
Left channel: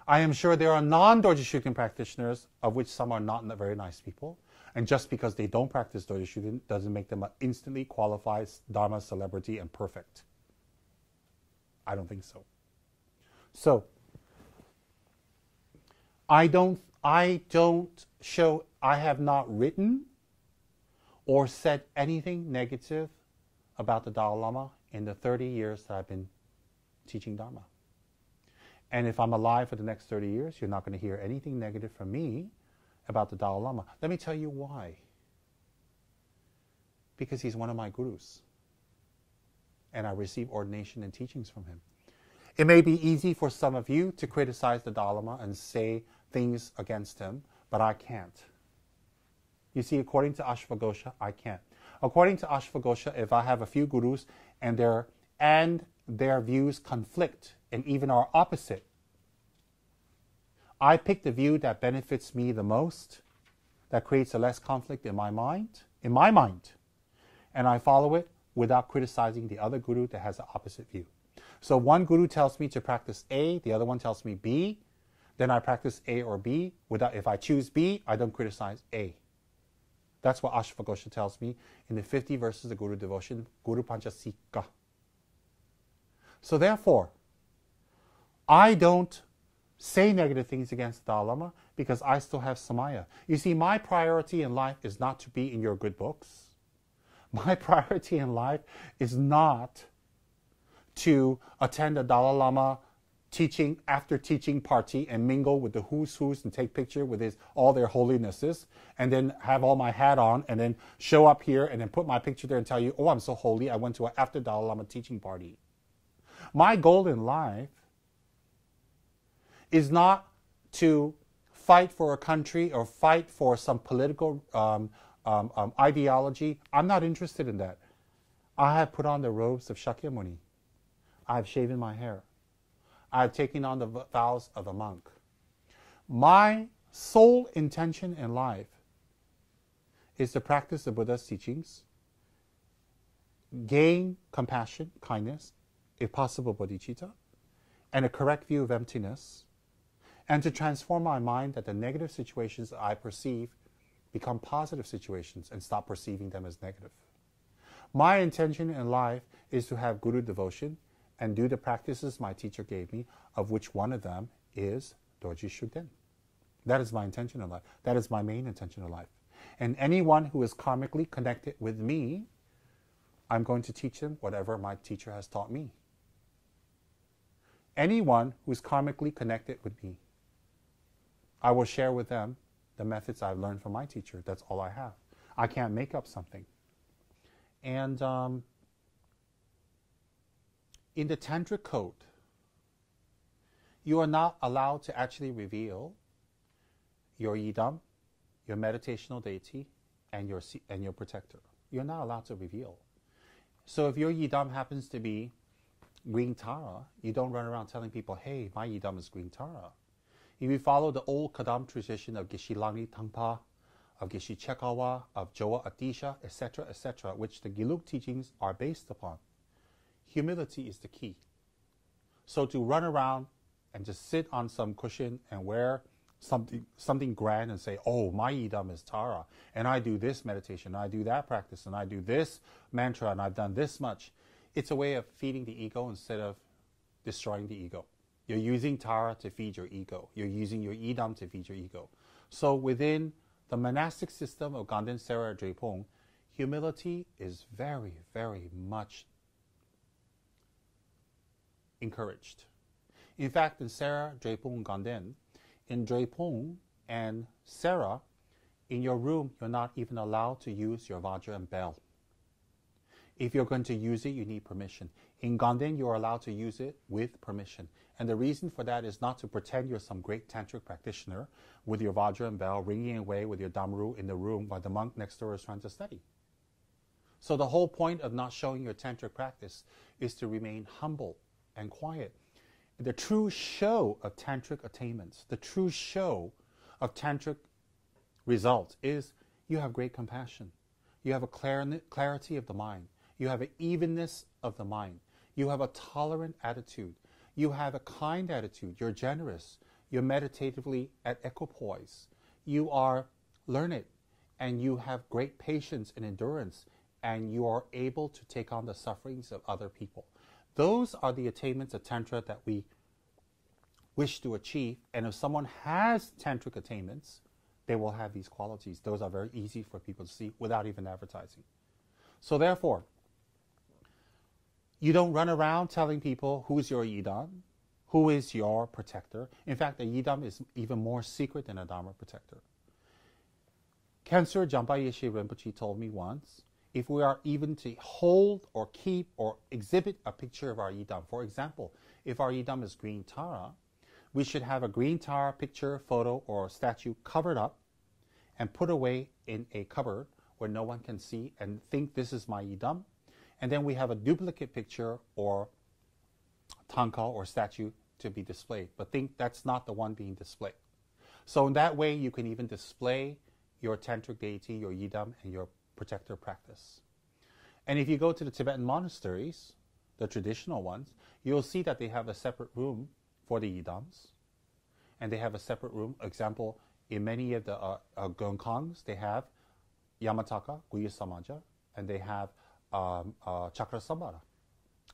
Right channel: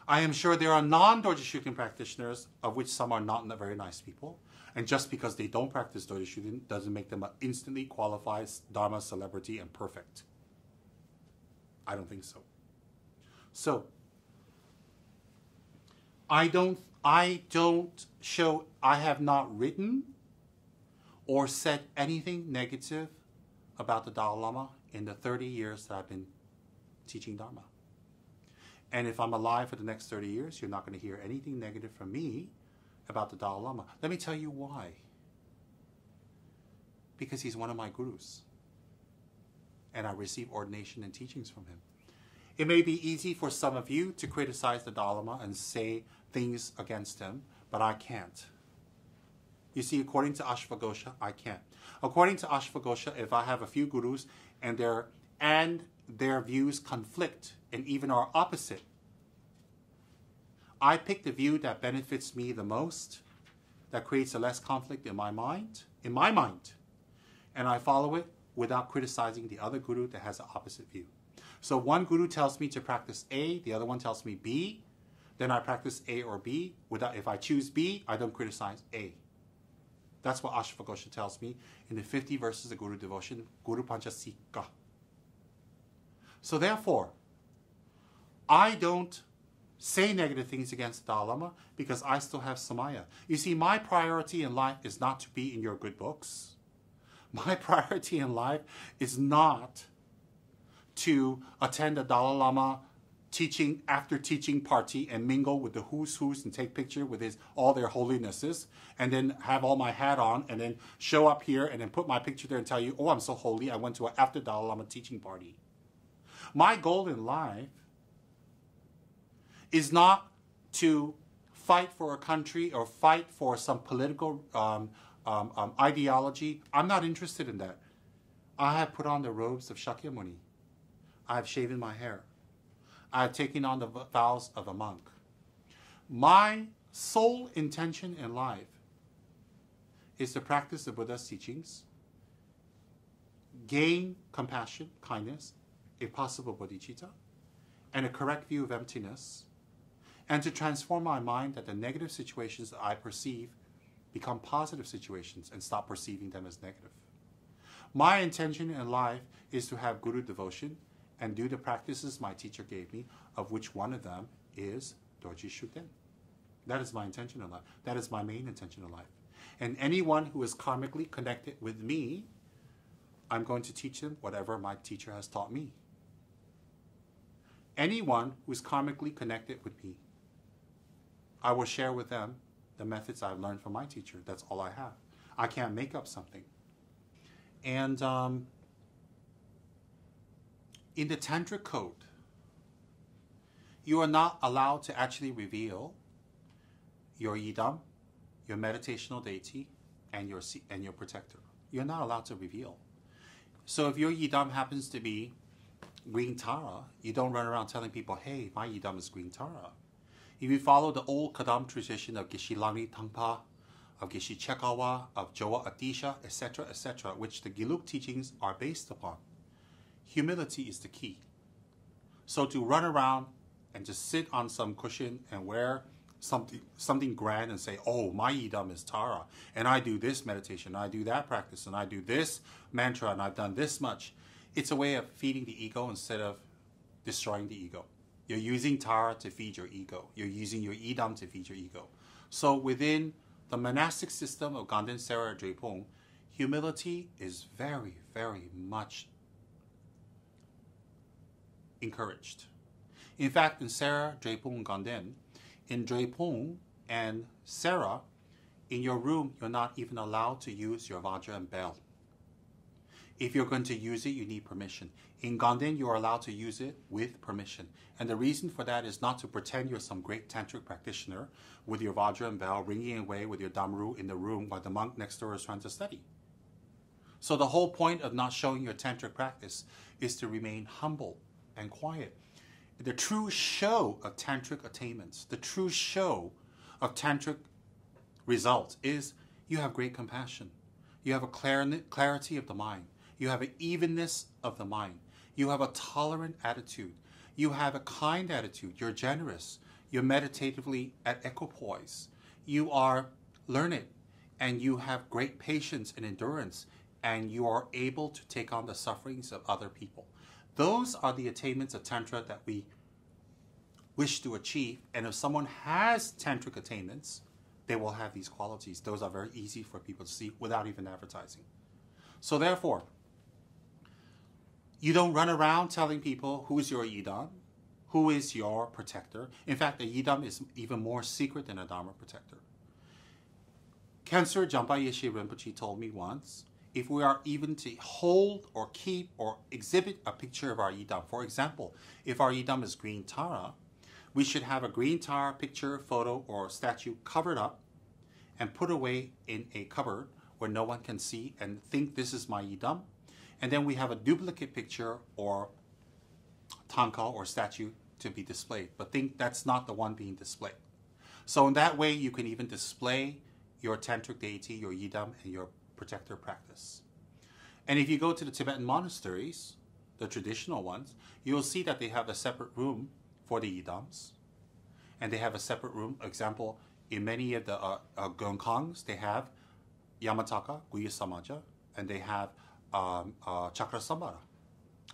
I am sure there are non-Dorje Shugden practitioners, of which some are not very nice people, and just because they don't practice Dorje Shugden doesn't make them an instantly qualified Dharma celebrity and perfect. I don't think so. So, I have not written or said anything negative about the Dalai Lama in the 30 years that I've been teaching Dharma. And if I'm alive for the next 30 years, you're not going to hear anything negative from me about the Dalai Lama. Let me tell you why. Because he's one of my gurus. And I receive ordination and teachings from him. It may be easy for some of you to criticize the Dalai Lama and say things against him, but I can't. You see, according to Ashvagosha, I can't. According to Ashvagosha, if I have a few gurus and their views conflict and even are opposite, I pick the view that benefits me the most, that creates a less conflict in my mind, and I follow it without criticizing the other guru that has the opposite view. So one guru tells me to practice A, the other one tells me B, then I practice A or B. If I choose B, I don't criticize A. That's what Ashvagosha tells me in the 50 verses of Guru Devotion, Guru Panchasika. So therefore, I don't say negative things against the Dalai Lama because I still have Samaya. You see, my priority in life is not to be in your good books. My priority in life is not to attend a Dalai Lama after teaching party and mingle with the who's and take picture with all their holinesses and then have all my hat on and then show up here and then put my picture there and tell you, oh, I'm so holy, I went to an after Dalai Lama teaching party. My goal in life is not to fight for a country or fight for some political ideology. I'm not interested in that. I have put on the robes of Shakyamuni. I have shaven my hair. I have taken on the vows of a monk. My sole intention in life is to practice the Buddha's teachings, gain compassion, kindness, if possible bodhicitta, and a correct view of emptiness, and to transform my mind that the negative situations that I perceive become positive situations and stop perceiving them as negative. My intention in life is to have Guru devotion and do the practices my teacher gave me, of which one of them is Dorje Shugden. That is my intention in life. That is my main intention in life. And anyone who is karmically connected with me, I'm going to teach them whatever my teacher has taught me. Anyone who is karmically connected with me, I will share with them the methods I've learned from my teacher. That's all I have. I can't make up something. And in the Tantric code, you are not allowed to actually reveal your yidam, your meditational deity, and your protector. You're not allowed to reveal. So if your yidam happens to be green Tara, you don't run around telling people, hey, my yidam is green Tara. If you follow the old Kadam tradition of Geshe Langri Tangpa, of Geshe Chekawa, of Jowa Adisha, etc., which the Gelug teachings are based upon, humility is the key. So to run around and just sit on some cushion and wear something grand and say, oh, my yidam is Tara, and I do this meditation, I do that practice, and I do this mantra, and I've done this much. It's a way of feeding the ego instead of destroying the ego. You're using Tara to feed your ego. You're using your yidam to feed your ego. So within the monastic system of Ganden Sera Drepung, humility is very, very much encouraged. In fact, in Sera, Drepung, Ganden, in Drepung and Sera, in your room, you're not even allowed to use your Vajra and bell. If you're going to use it, you need permission. In Ganden, you're allowed to use it with permission. And the reason for that is not to pretend you're some great tantric practitioner with your Vajra and bell ringing away with your Damru in the room while the monk next door is trying to study. So the whole point of not showing your tantric practice is to remain humble and quiet. The true show of tantric attainments, the true show of tantric results is you have great compassion. You have a clarity of the mind. You have an evenness of the mind. You have a tolerant attitude. You have a kind attitude. You're generous. You're meditatively at equipoise. You are learned, and you have great patience and endurance, and you are able to take on the sufferings of other people. Those are the attainments of Tantra that we wish to achieve. And if someone has tantric attainments, they will have these qualities. Those are very easy for people to see without even advertising. So therefore, you don't run around telling people who's your yidam, who is your protector. In fact, a yidam is even more secret than a dharma protector. Cancer Jampa Yeshe Rinpoche told me once, if we are even to hold or keep or exhibit a picture of our yidam, for example, if our yidam is green Tara, we should have a green Tara picture, photo, or statue covered up and put away in a cupboard where no one can see and think this is my yidam. And then we have a duplicate picture or tanka or statue to be displayed, but think that's not the one being displayed. So in that way, you can even display your tantric deity, your yidam, and your protector practice. And if you go to the Tibetan monasteries, the traditional ones, you'll see that they have a separate room for the yidams. And they have a separate room. Example, in many of the Gongkangs, they have Yamataka, Guya Samaja, and they have Chakra Sambara,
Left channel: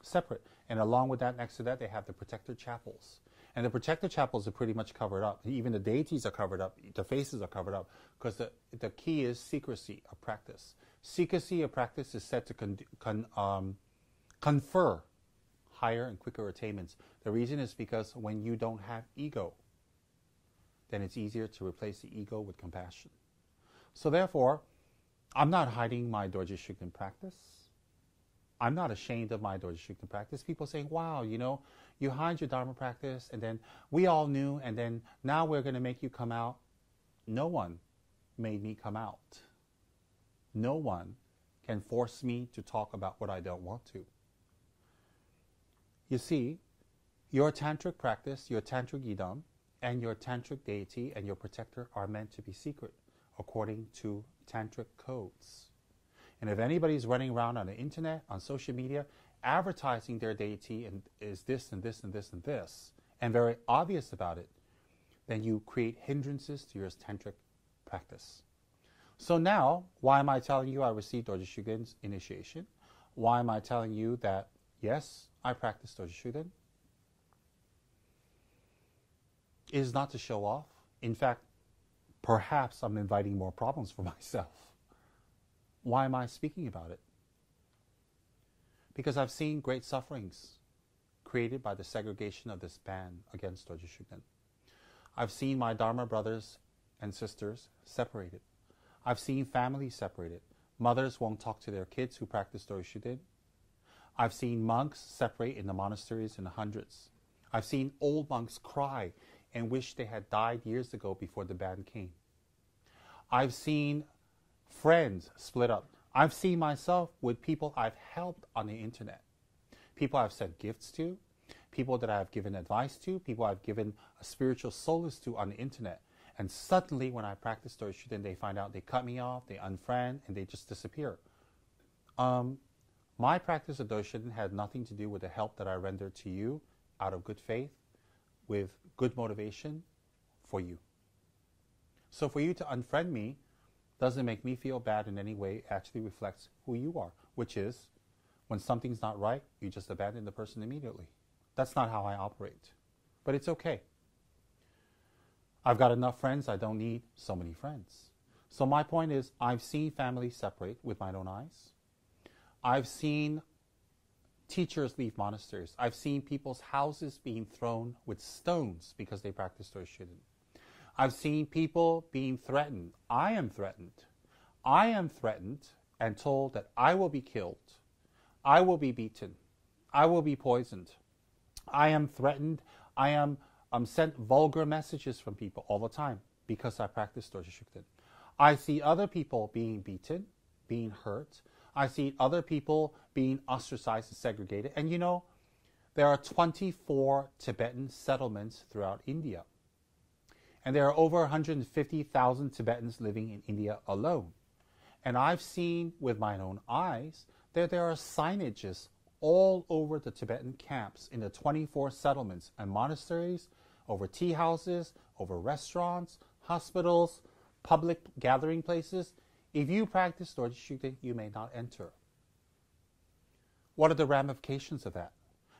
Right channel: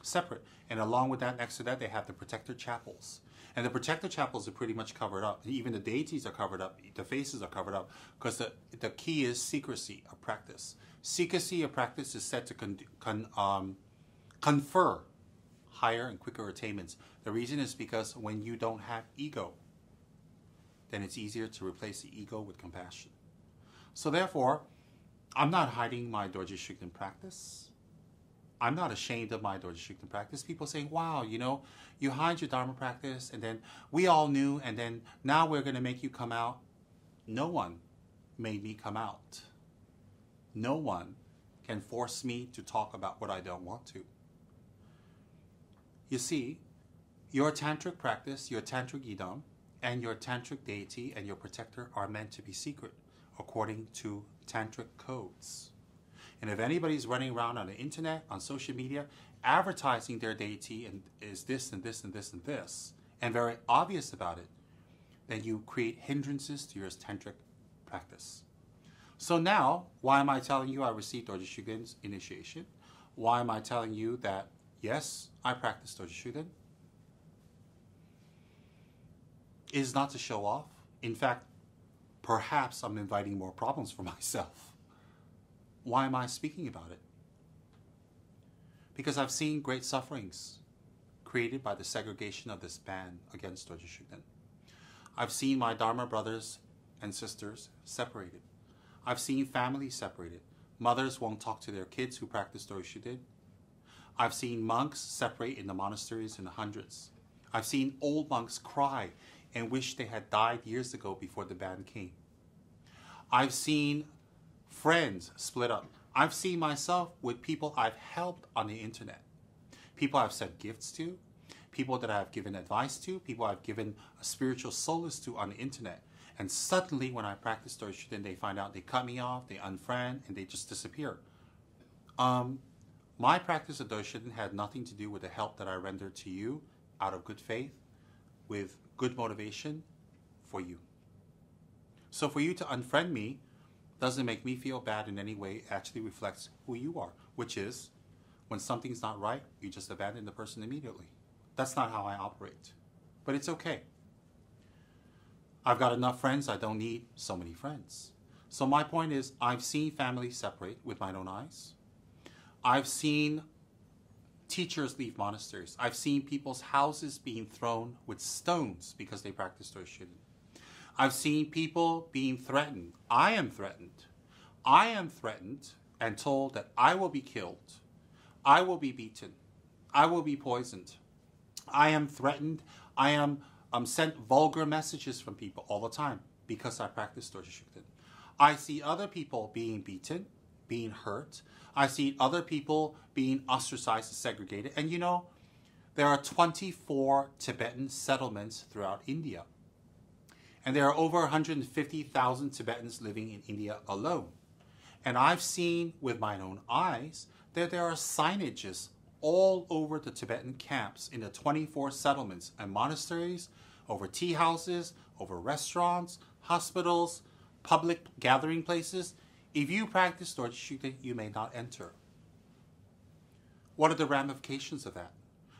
separate. And along with that, next to that, they have the protector chapels. And the protector chapels are pretty much covered up. Even the deities are covered up. The faces are covered up. Because the key is secrecy of practice. Secrecy of practice is said to confer higher and quicker attainments. The reason is because when you don't have ego, then it's easier to replace the ego with compassion. So therefore, I'm not hiding my Dorje Shugden practice. I'm not ashamed of my Dorje Shugden practice. People saying, wow, you know, you hide your Dharma practice, and then we all knew, and then now we're going to make you come out. No one made me come out. No one can force me to talk about what I don't want to. You see, your tantric practice, your tantric yidam, and your tantric deity and your protector are meant to be secret according to tantric codes. And if anybody's running around on the internet, on social media, advertising their deity and is this and this and this and this, and very obvious about it, then you create hindrances to your tantric practice. So now, why am I telling you I received Dorje Shugden's initiation? Why am I telling you that, yes, I practice Dorje Shugden? It is not to show off. In fact, perhaps I'm inviting more problems for myself. Why am I speaking about it? Because I've seen great sufferings created by the segregation of this ban against Dorje Shugden. I've seen my Dharma brothers and sisters separated. I've seen families separated. Mothers won't talk to their kids who practice Dorje Shugden. I've seen monks separate in the monasteries in the hundreds. I've seen old monks cry and wish they had died years ago before the ban came. I've seen friends split up. I've seen myself with people I've helped on the internet. People I've sent gifts to, people that I've given advice to, people I've given a spiritual solace to on the internet. And suddenly when I practice Dorje Shugden, they find out they cut me off, they unfriend, and they just disappear. My practice of Dorje Shugden had nothing to do with the help that I rendered to you out of good faith, with good motivation for you. So for you to unfriend me doesn't make me feel bad in any way. It actually reflects who you are, which is when something's not right, you just abandon the person immediately. That's not how I operate. But it's okay. I've got enough friends, I don't need so many friends. So my point is, I've seen families separate with my own eyes. I've seen teachers leave monasteries. I've seen people's houses being thrown with stones because they practice Dorje Shugden. I've seen people being threatened. I am threatened. I am threatened and told that I will be killed I will be beaten. I will be poisoned. I am threatened. I am sent vulgar messages from people all the time because I practice Dorje Shugden. I see other people being beaten, being hurt. I see other people being ostracized and segregated. And you know, there are 24 Tibetan settlements throughout India. And there are over 150,000 Tibetans living in India alone. And I've seen with my own eyes that there are signages all over the Tibetan camps in the 24 settlements and monasteries, over tea houses, over restaurants, hospitals, public gathering places. If you practice Dorje Shugden, you may not enter. What are the ramifications of that?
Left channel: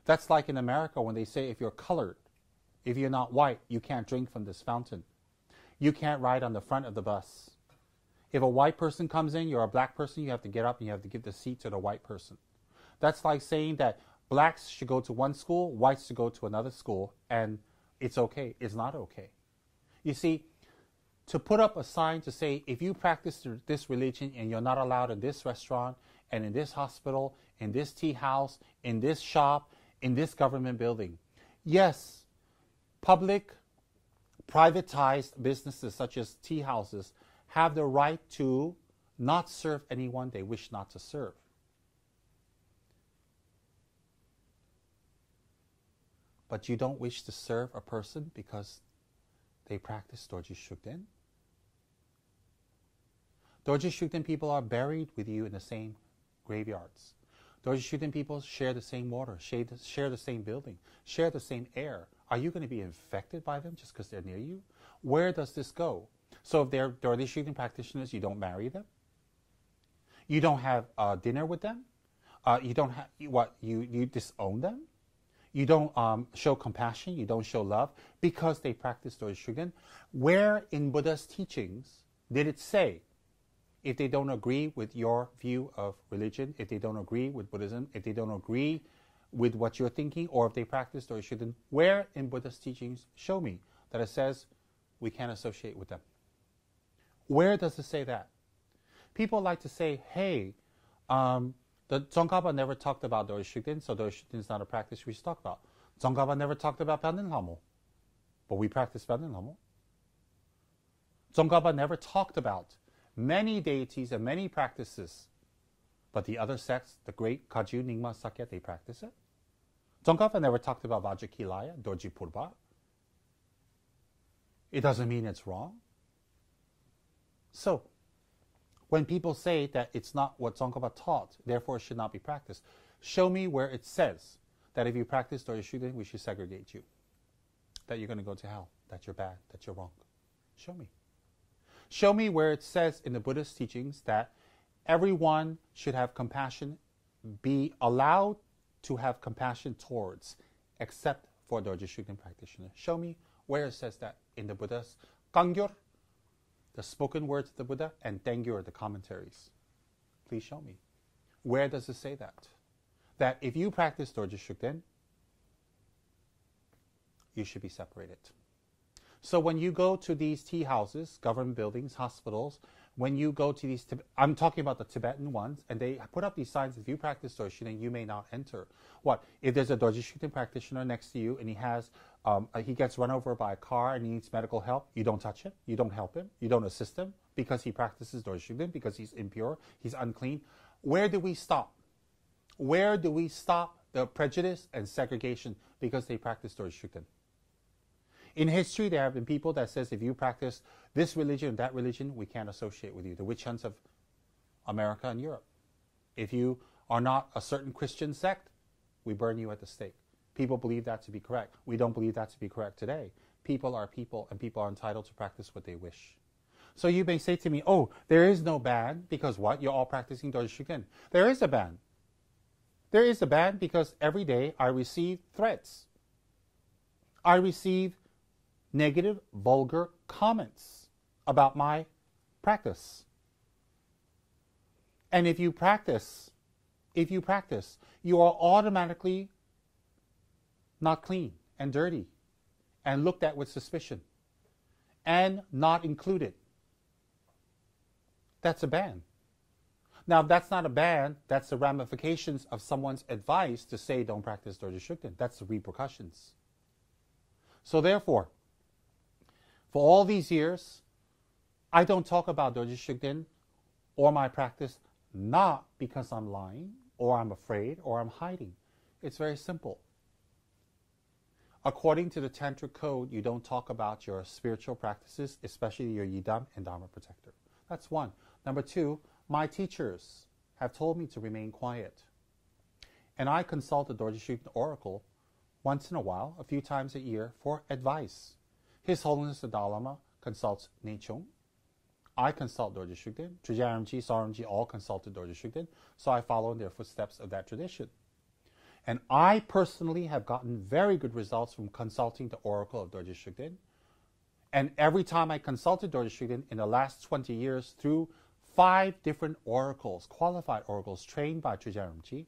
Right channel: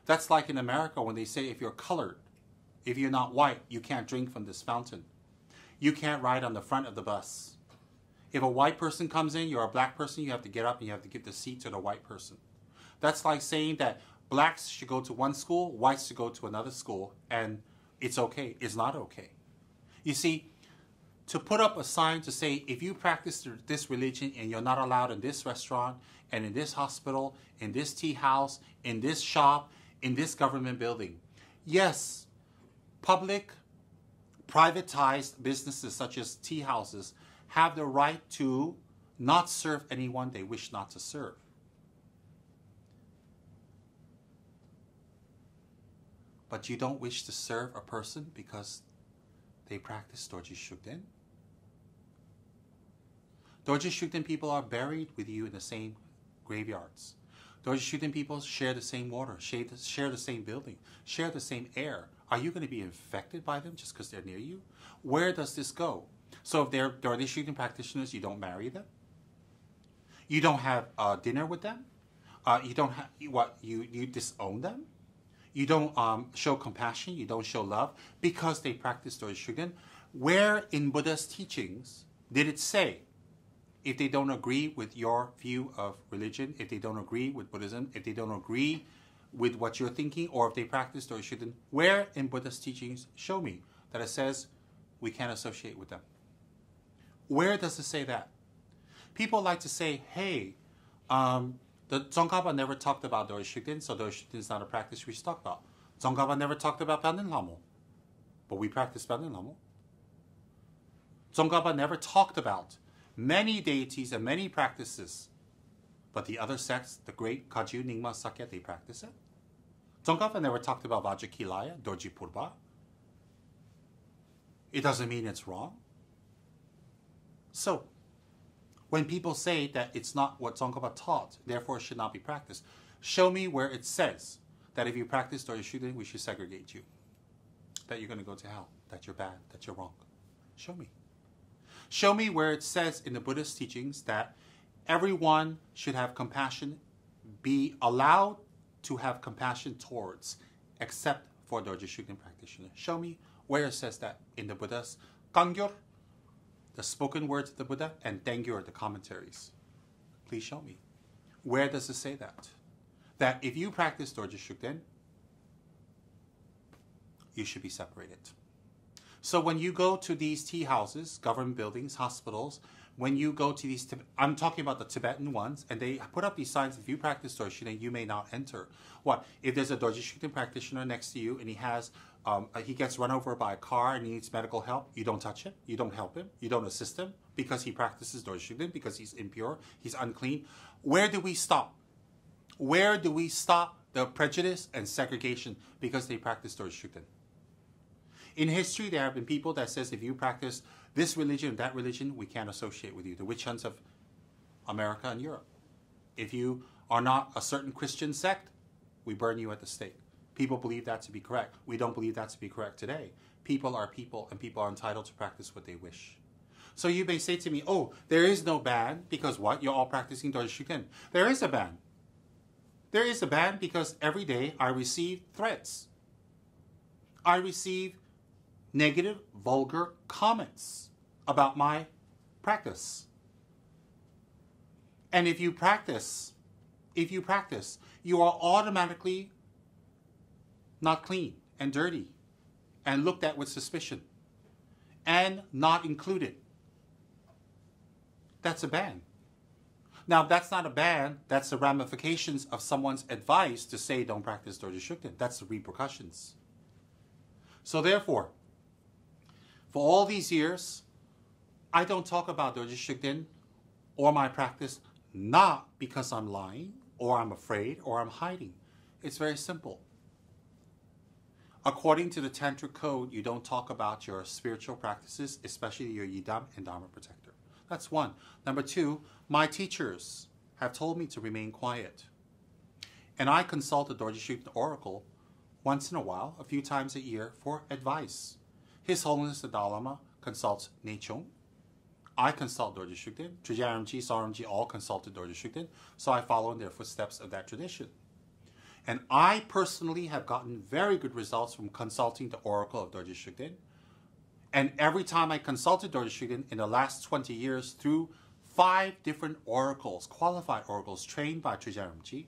That's like in America when they say if you're colored, if you're not white, you can't drink from this fountain. You can't ride on the front of the bus. If a white person comes in, you're a black person, you have to get up and you have to give the seat to the white person. That's like saying that blacks should go to one school, whites should go to another school, and it's okay. It's not okay. You see, to put up a sign to say, if you practice this religion and you're not allowed in this restaurant, and in this hospital, in this tea house, in this shop, in this government building. Yes, public, privatized businesses such as tea houses have the right to not serve anyone they wish not to serve. But you don't wish to serve a person because they practice Dorje Shugden? Dorje Shugden people are buried with you in the same graveyards. Dorje Shugden people share the same water, share the same building, share the same air. Are you going to be infected by them just because they're near you? Where does this go? So if they're Dorje Shugden practitioners, you don't marry them? You don't have dinner with them? You don't have, you disown them? You don't show compassion, you don't show love because they practice Dorje Shugden? Where in Buddha's teachings did it say, if they don't agree with your view of religion, if they don't agree with Buddhism, if they don't agree with what you're thinking, or if they practice Dorje Shugden, where in Buddha's teachings show me that it says we can't associate with them? Where does it say that? People like to say, hey, the Tsongkhapa never talked about Dorje Shugden, so Dorje Shugden is not a practice we should talk about. Tsongkhapa never talked about Pandin Lamo, but we practice Pandin Lamo. Tsongkhapa never talked about many deities and many practices, but the other sects, the great Kagyu, Nyingma, Sakya, they practice it. Tsongkhapa never talked about Vajrakilaya, Dorje Purba. It doesn't mean it's wrong. So, when people say that it's not what Tsongkhapa taught, therefore it should not be practiced, show me where it says that if you practice Dorje Shugden, we should segregate you, that you're going to go to hell, that you're bad, that you're wrong. Show me. Show me where it says in the Buddhist teachings that everyone should have compassion, be allowed to have compassion towards, except for Dorje Shugden practitioners. Show me where it says that in the Buddha's Kangyur, the spoken words of the Buddha, and Tengyur, the commentaries. Please show me. Where does it say that? That if you practice Dorje Shugden, you should be separated. So when you go to these tea houses, government buildings, hospitals, when you go to these, I'm talking about the Tibetan ones, and they put up these signs, if you practice Dorje Shugden, you may not enter. What? If there's a Dorje Shugden practitioner next to you and he gets run over by a car and he needs medical help, you don't touch him, you don't help him, you don't assist him because he practices Dorje Shugden, because he's impure, he's unclean. Where do we stop? Where do we stop the prejudice and segregation because they practice Dorje Shugden? In history, there have been people that says if you practice this religion or that religion, we can't associate with you. The witch hunts of America and Europe. If you are not a certain Christian sect, we burn you at the stake. People believe that to be correct. We don't believe that to be correct today. People are people, and people are entitled to practice what they wish. So you may say to me, oh, there is no ban because what? You're all practicing Dorje Shugden. There is a ban. There is a ban because every day I receive threats. I receive negative, vulgar comments about my practice. And if you practice, you are automatically not clean and dirty and looked at with suspicion and not included. That's a ban. Now, that's not a ban. That's the ramifications of someone's advice to say don't practice Dorje Shugden. That's the repercussions. So therefore, for all these years, I don't talk about Dorje Shugden or my practice not because I'm lying or I'm afraid or I'm hiding. It's very simple. According to the Tantric code, you don't talk about your spiritual practices, especially your Yidam and Dharma protector. That's one. Number two, my teachers have told me to remain quiet. And I consult the Dorje Shugden Oracle once in a while, a few times a year, for advice. His Holiness the Dalai Lama consults Nechung. I consult Dorje Shugden. Trijang Rinpoche, Saramji all consulted Dorje Shugden, so I follow in their footsteps of that tradition. And I personally have gotten very good results from consulting the Oracle of Dorje Shugden. And every time I consulted Dorje Shugden in the last 20 years through 5 different oracles, qualified oracles trained by Trijang Rinpoche,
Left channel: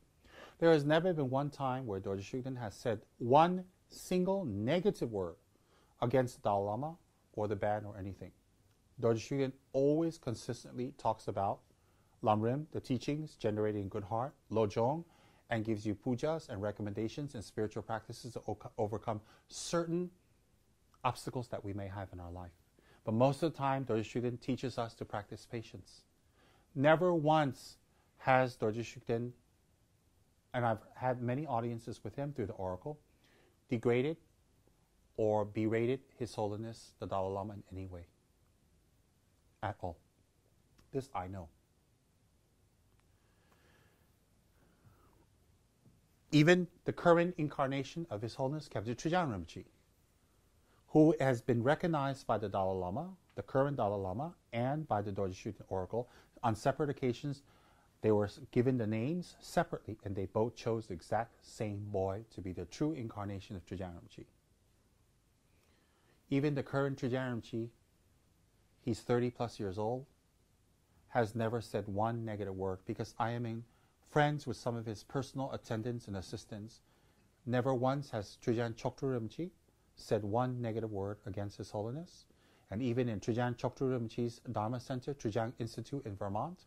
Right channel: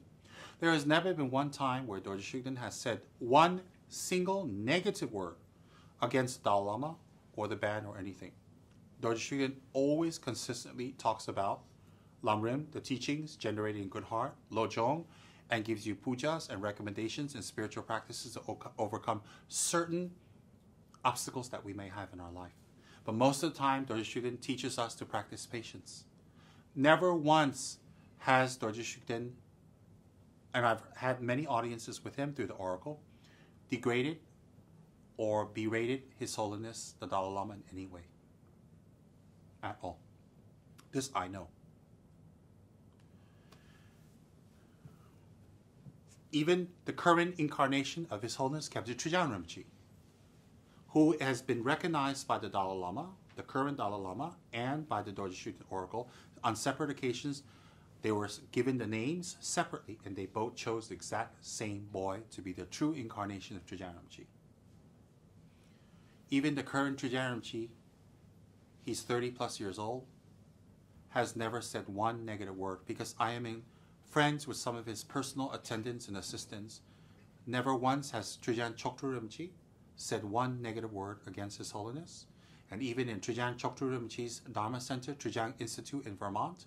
there has never been one time where Dorje Shugden has said one single negative word against the Dalai Lama or the band or anything. Dorje Shugden always consistently talks about Lamrim, the teachings, generating good heart, Lojong, and gives you pujas and recommendations and spiritual practices to overcome certain obstacles that we may have in our life. But most of the time, Dorje Shugden teaches us to practice patience. Never once has Dorje Shugden, and I've had many audiences with him through the Oracle, degraded or berated His Holiness the Dalai Lama in any way. At all. This I know. Even the current incarnation of His Holiness Khyentse Trijang Rinpoche, who has been recognized by the Dalai Lama, the current Dalai Lama, and by the Dorje Shugden Oracle on separate occasions. They were given the names separately, and they both chose the exact same boy to be the true incarnation of Trijang Rinpoche. Even the current Trijang Rinpoche, he's 30 plus years old, has never said one negative word, because I am friends with some of his personal attendants and assistants. Never once has Trijang Choktrul Rinpoche said one negative word against His Holiness. And even in Trijang Choktrul Rinpoche's Dharma Center, Trijang Institute in Vermont,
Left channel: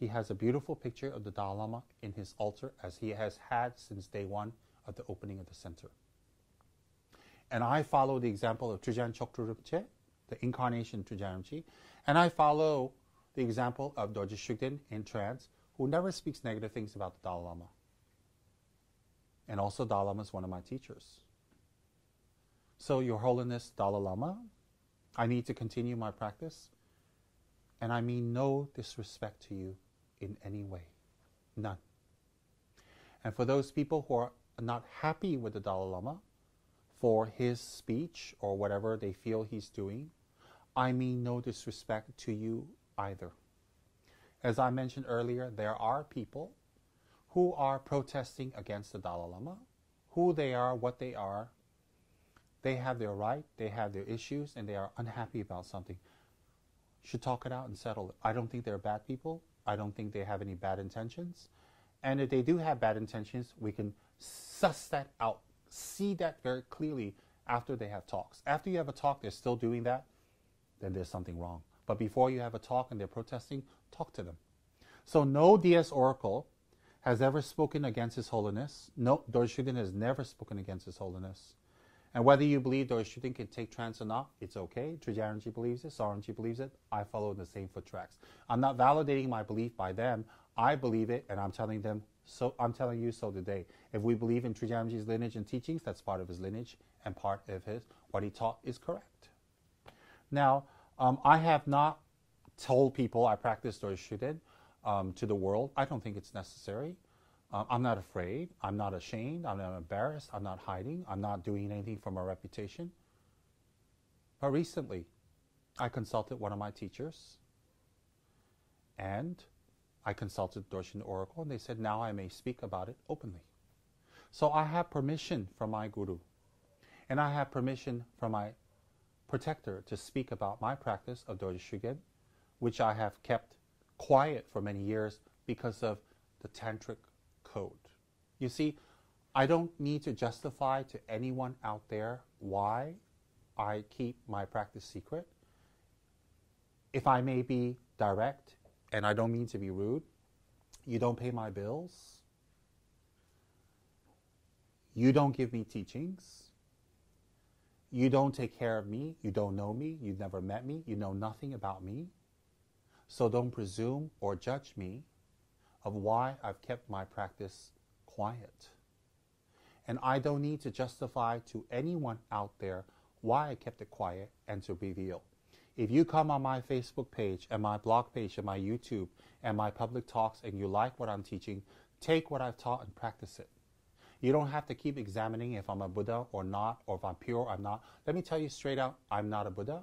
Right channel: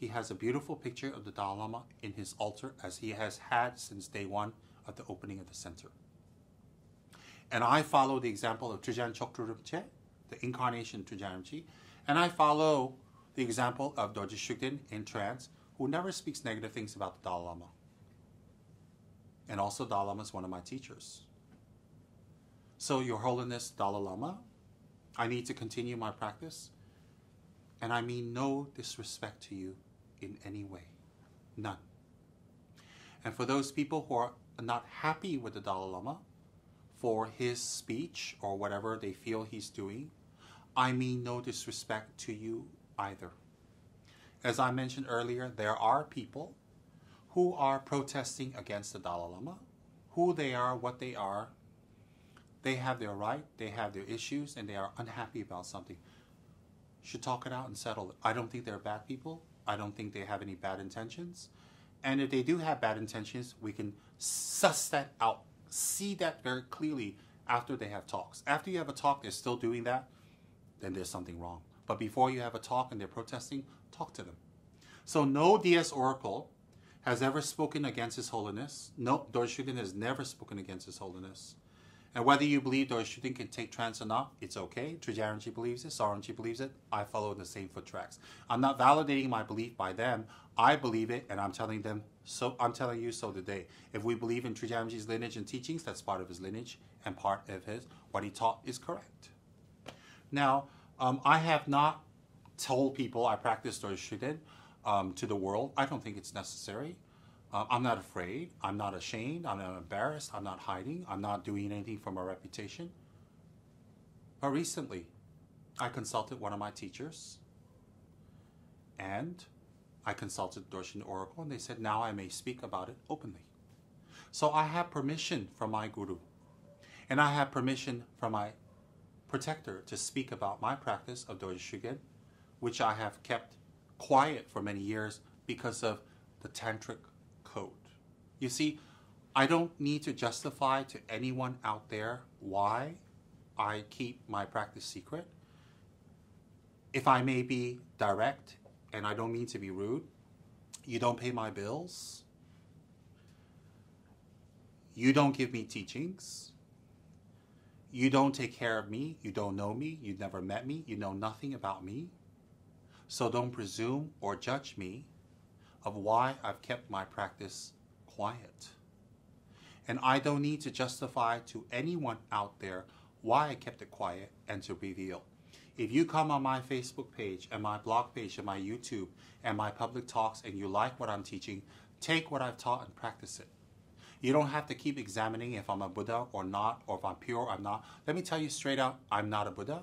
he has a beautiful picture of the Dalai Lama in his altar, as he has had since day one of the opening of the center. And I follow the example of Trijang Choktrul Rinpoche, the incarnation Trijang Rinpoche, and I follow the example of Dorje Shugden in trance, who never speaks negative things about the Dalai Lama. And also Dalai Lama is one of my teachers. So, Your Holiness Dalai Lama, I need to continue my practice, and I mean no disrespect to you in any way. None. And for those people who are not happy with the Dalai Lama for his speech or whatever they feel he's doing, I mean no disrespect to you either. As I mentioned earlier, there are people who are protesting against the Dalai Lama. Who they are, what they are, they have their right, they have their issues, and they are unhappy about something. Should talk it out and settle it. I don't think they're bad people. I don't think they have any bad intentions. And if they do have bad intentions, we can suss that out, see that very clearly after they have talks. After you have a talk, they're still doing that, then there's something wrong. But before you have a talk and they're protesting, talk to them. So no DS Oracle has ever spoken against His Holiness. No, Dorje Shugden has never spoken against His Holiness. And whether you believe Dorje Shugden can take trance or not, it's okay. Trijang Rinpoche believes it, Saramji believes it. I follow the same foot tracks. I'm not validating my belief by them. I believe it, and I'm telling them, so I'm telling you so today. If we believe in Trijang Rinpoche's lineage and teachings, that's part of his lineage, and part of what he taught is correct. Now, I have not told people I practice Dorje Shugden to the world. I don't think it's necessary. I'm not afraid. I'm not ashamed. I'm not embarrassed. I'm not hiding. I'm not doing anything for my reputation. But recently, I consulted one of my teachers, and I consulted Dorje Shugden Oracle, and they said now I may speak about it openly. So I have permission from my guru, and I have permission from my protector to speak about my practice of Dorje Shugden, which I have kept quiet for many years because of the Tantric code. You see, I don't need to justify to anyone out there why I keep my practice secret. If I may be direct, and I don't mean to be rude, You don't pay my bills. You don't give me teachings. You don't take care of me. You don't know me. You never met me. You know nothing about me. So don't presume or judge me of why I've kept my practice quiet. And I don't need to justify to anyone out there why I kept it quiet and to reveal. If you come on my Facebook page and my blog page and my YouTube and my public talks and you like what I'm teaching, take what I've taught and practice it. You don't have to keep examining if I'm a Buddha or not, or if I'm pure or I'm not. Let me tell you straight out, I'm not a Buddha.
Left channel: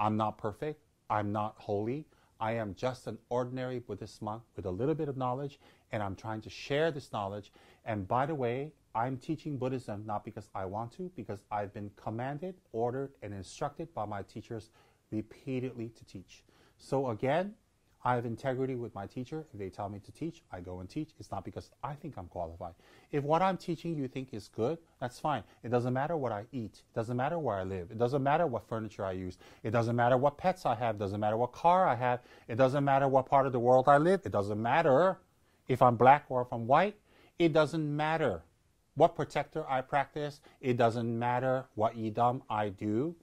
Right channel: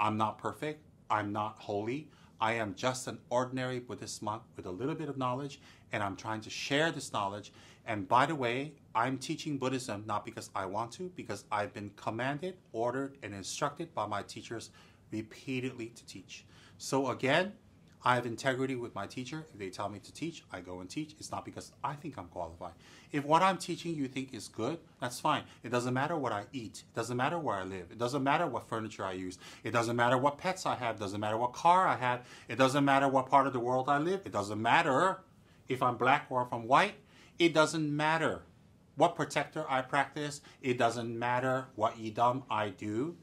I'm not perfect. I'm not holy. I am just an ordinary Buddhist monk with a little bit of knowledge, and I'm trying to share this knowledge. And by the way, I'm teaching Buddhism not because I want to, because I've been commanded, ordered, and instructed by my teachers repeatedly to teach. So again, I have integrity with my teacher. If they tell me to teach, I go and teach. It's not because I think I'm qualified. If what I'm teaching you think is good, that's fine. It doesn't matter what I eat. It doesn't matter where I live. It doesn't matter what furniture I use. It doesn't matter what pets I have. It doesn't matter what car I have. It doesn't matter what part of the world I live. It doesn't matter if I'm black or if I'm white. It doesn't matter what protector I practice. It doesn't matter what idam I do.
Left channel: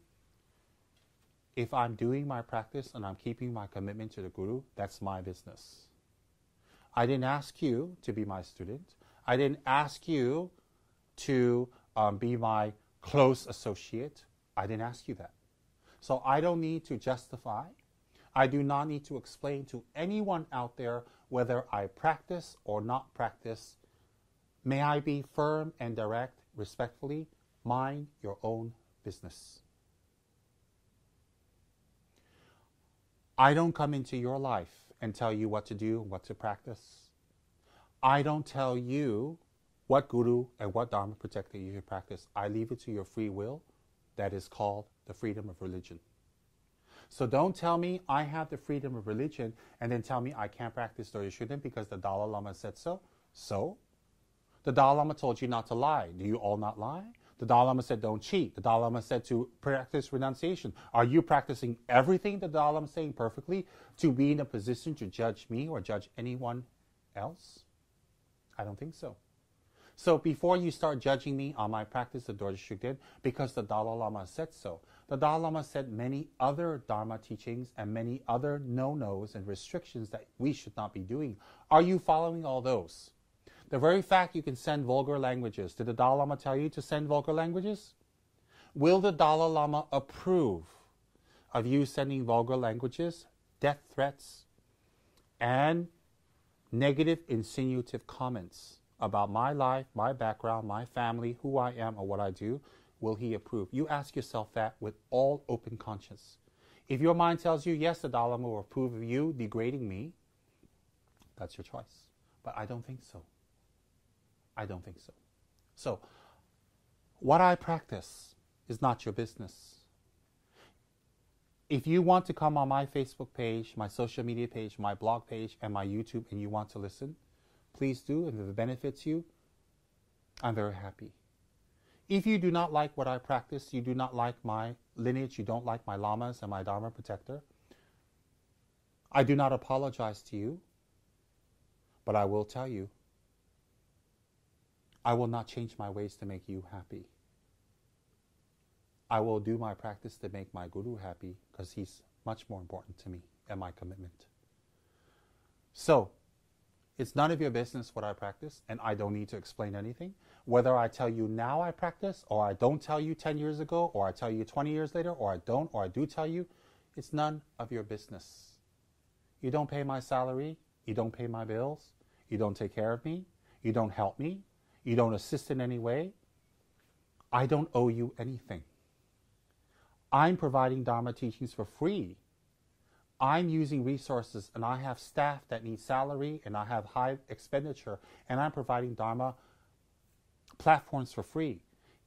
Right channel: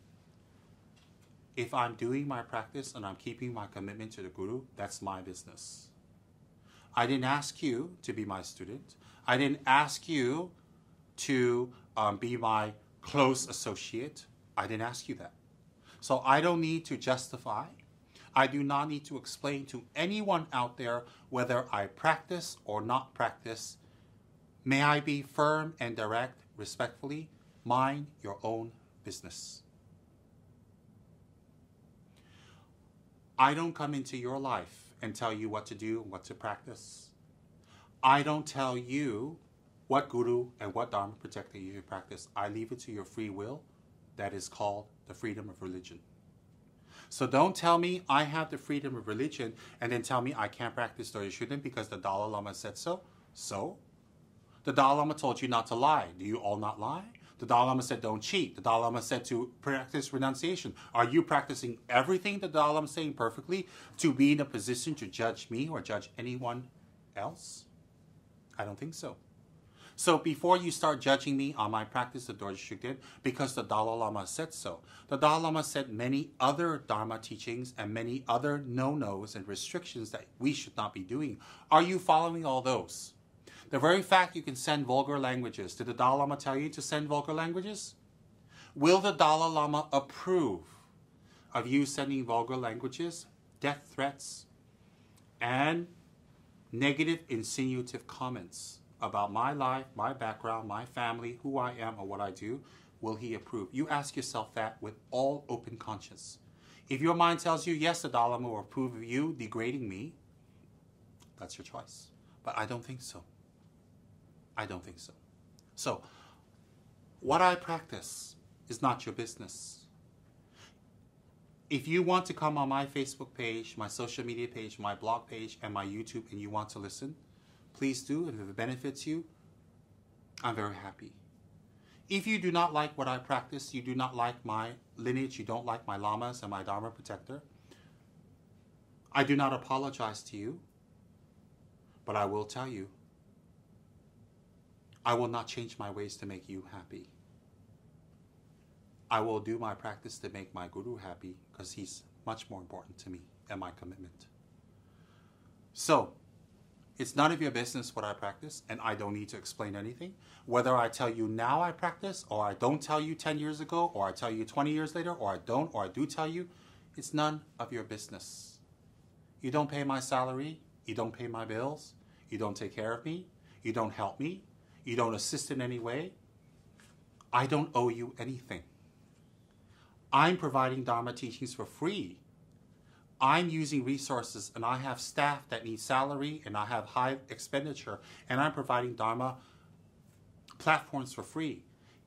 If I'm doing my practice and I'm keeping my commitment to the Guru, that's my business. I didn't ask you to be my student. I didn't ask you to be my close associate. I didn't ask you that. So I don't need to justify. I do not need to explain to anyone out there whether I practice or not practice. May I be firm and direct, respectfully, mind your own business. I don't come into your life and tell you what to do and what to practice. I don't tell you what Guru and what Dharma protector you should practice. I leave it to your free will. That is called the freedom of religion. So don't tell me I have the freedom of religion and then tell me I can't practice or you shouldn't because the Dalai Lama said so. So? The Dalai Lama told you not to lie. Do you all not lie? The Dalai Lama said don't cheat. The Dalai Lama said to practice renunciation. Are you practicing everything the Dalai Lama is saying perfectly to be in a position to judge me or judge anyone else? I don't think so. So before you start judging me on my practice of Dorje Shugden, because the Dalai Lama said so, the Dalai Lama said many other Dharma teachings and many other no-nos and restrictions that we should not be doing. Are you following all those? The very fact you can send vulgar languages, did the Dalai Lama tell you to send vulgar languages? Will the Dalai Lama approve of you sending vulgar languages, death threats, and negative insinuative comments about my life, my background, my family, who I am, or what I do? Will he approve? You ask yourself that with all open conscience. If your mind tells you, yes, the Dalai Lama will approve of you degrading me, that's your choice. But I don't think so. I don't think so. So, what I practice is not your business. If you want to come on my Facebook page, my social media page, my blog page, and my YouTube, and you want to listen, please do. And if it benefits you, I'm very happy. If you do not like what I practice, you do not like my lineage, you don't like my lamas and my Dharma protector, I do not apologize to you, but I will tell you, I will not change my ways to make you happy. I will do my practice to make my Guru happy because he's much more important to me and my commitment. So, it's none of your business what I practice, and I don't need to explain anything. Whether I tell you now I practice, or I don't tell you 10 years ago, or I tell you 20 years later, or I don't, or I do tell you, it's none of your business. You don't pay my salary, you don't pay my bills, you don't take care of me, you don't help me, you don't assist in any way. I don't owe you anything. I'm providing Dharma teachings for free. I'm using resources and I have staff that need salary and I have high expenditure and I'm providing Dharma platforms for free.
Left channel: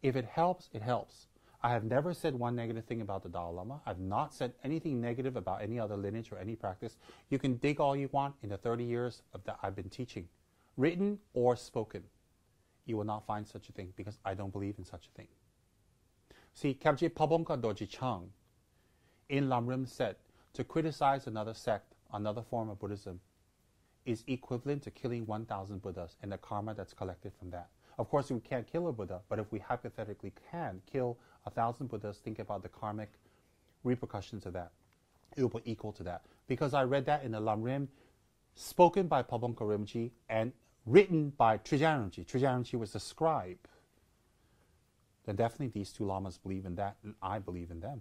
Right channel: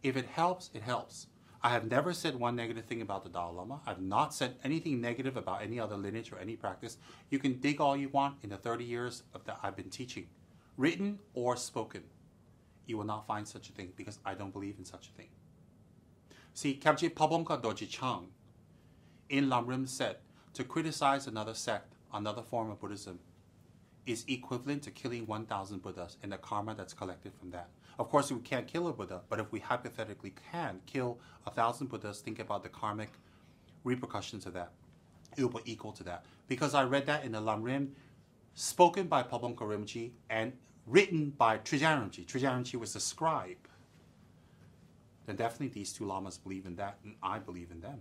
If it helps, it helps. I have never said one negative thing about the Dalai Lama. I've not said anything negative about any other lineage or any practice. You can dig all you want in the 30 years that I've been teaching, written or spoken. You will not find such a thing because I don't believe in such a thing. See, Kabje Pabongka Dorje Chang in Lamrim said, to criticize another sect, another form of Buddhism, is equivalent to killing 1,000 Buddhas and the karma that's collected from that. Of course, we can't kill a Buddha, but if we hypothetically can kill 1,000 Buddhas, think about the karmic repercussions of that. It will be equal to that. Because I read that in the Lamrim, spoken by Pabongko Rinpoche and written by Trijang Rinpoche. Trijang Rinpoche was the scribe. Then definitely these two lamas believe in that, and I believe in them.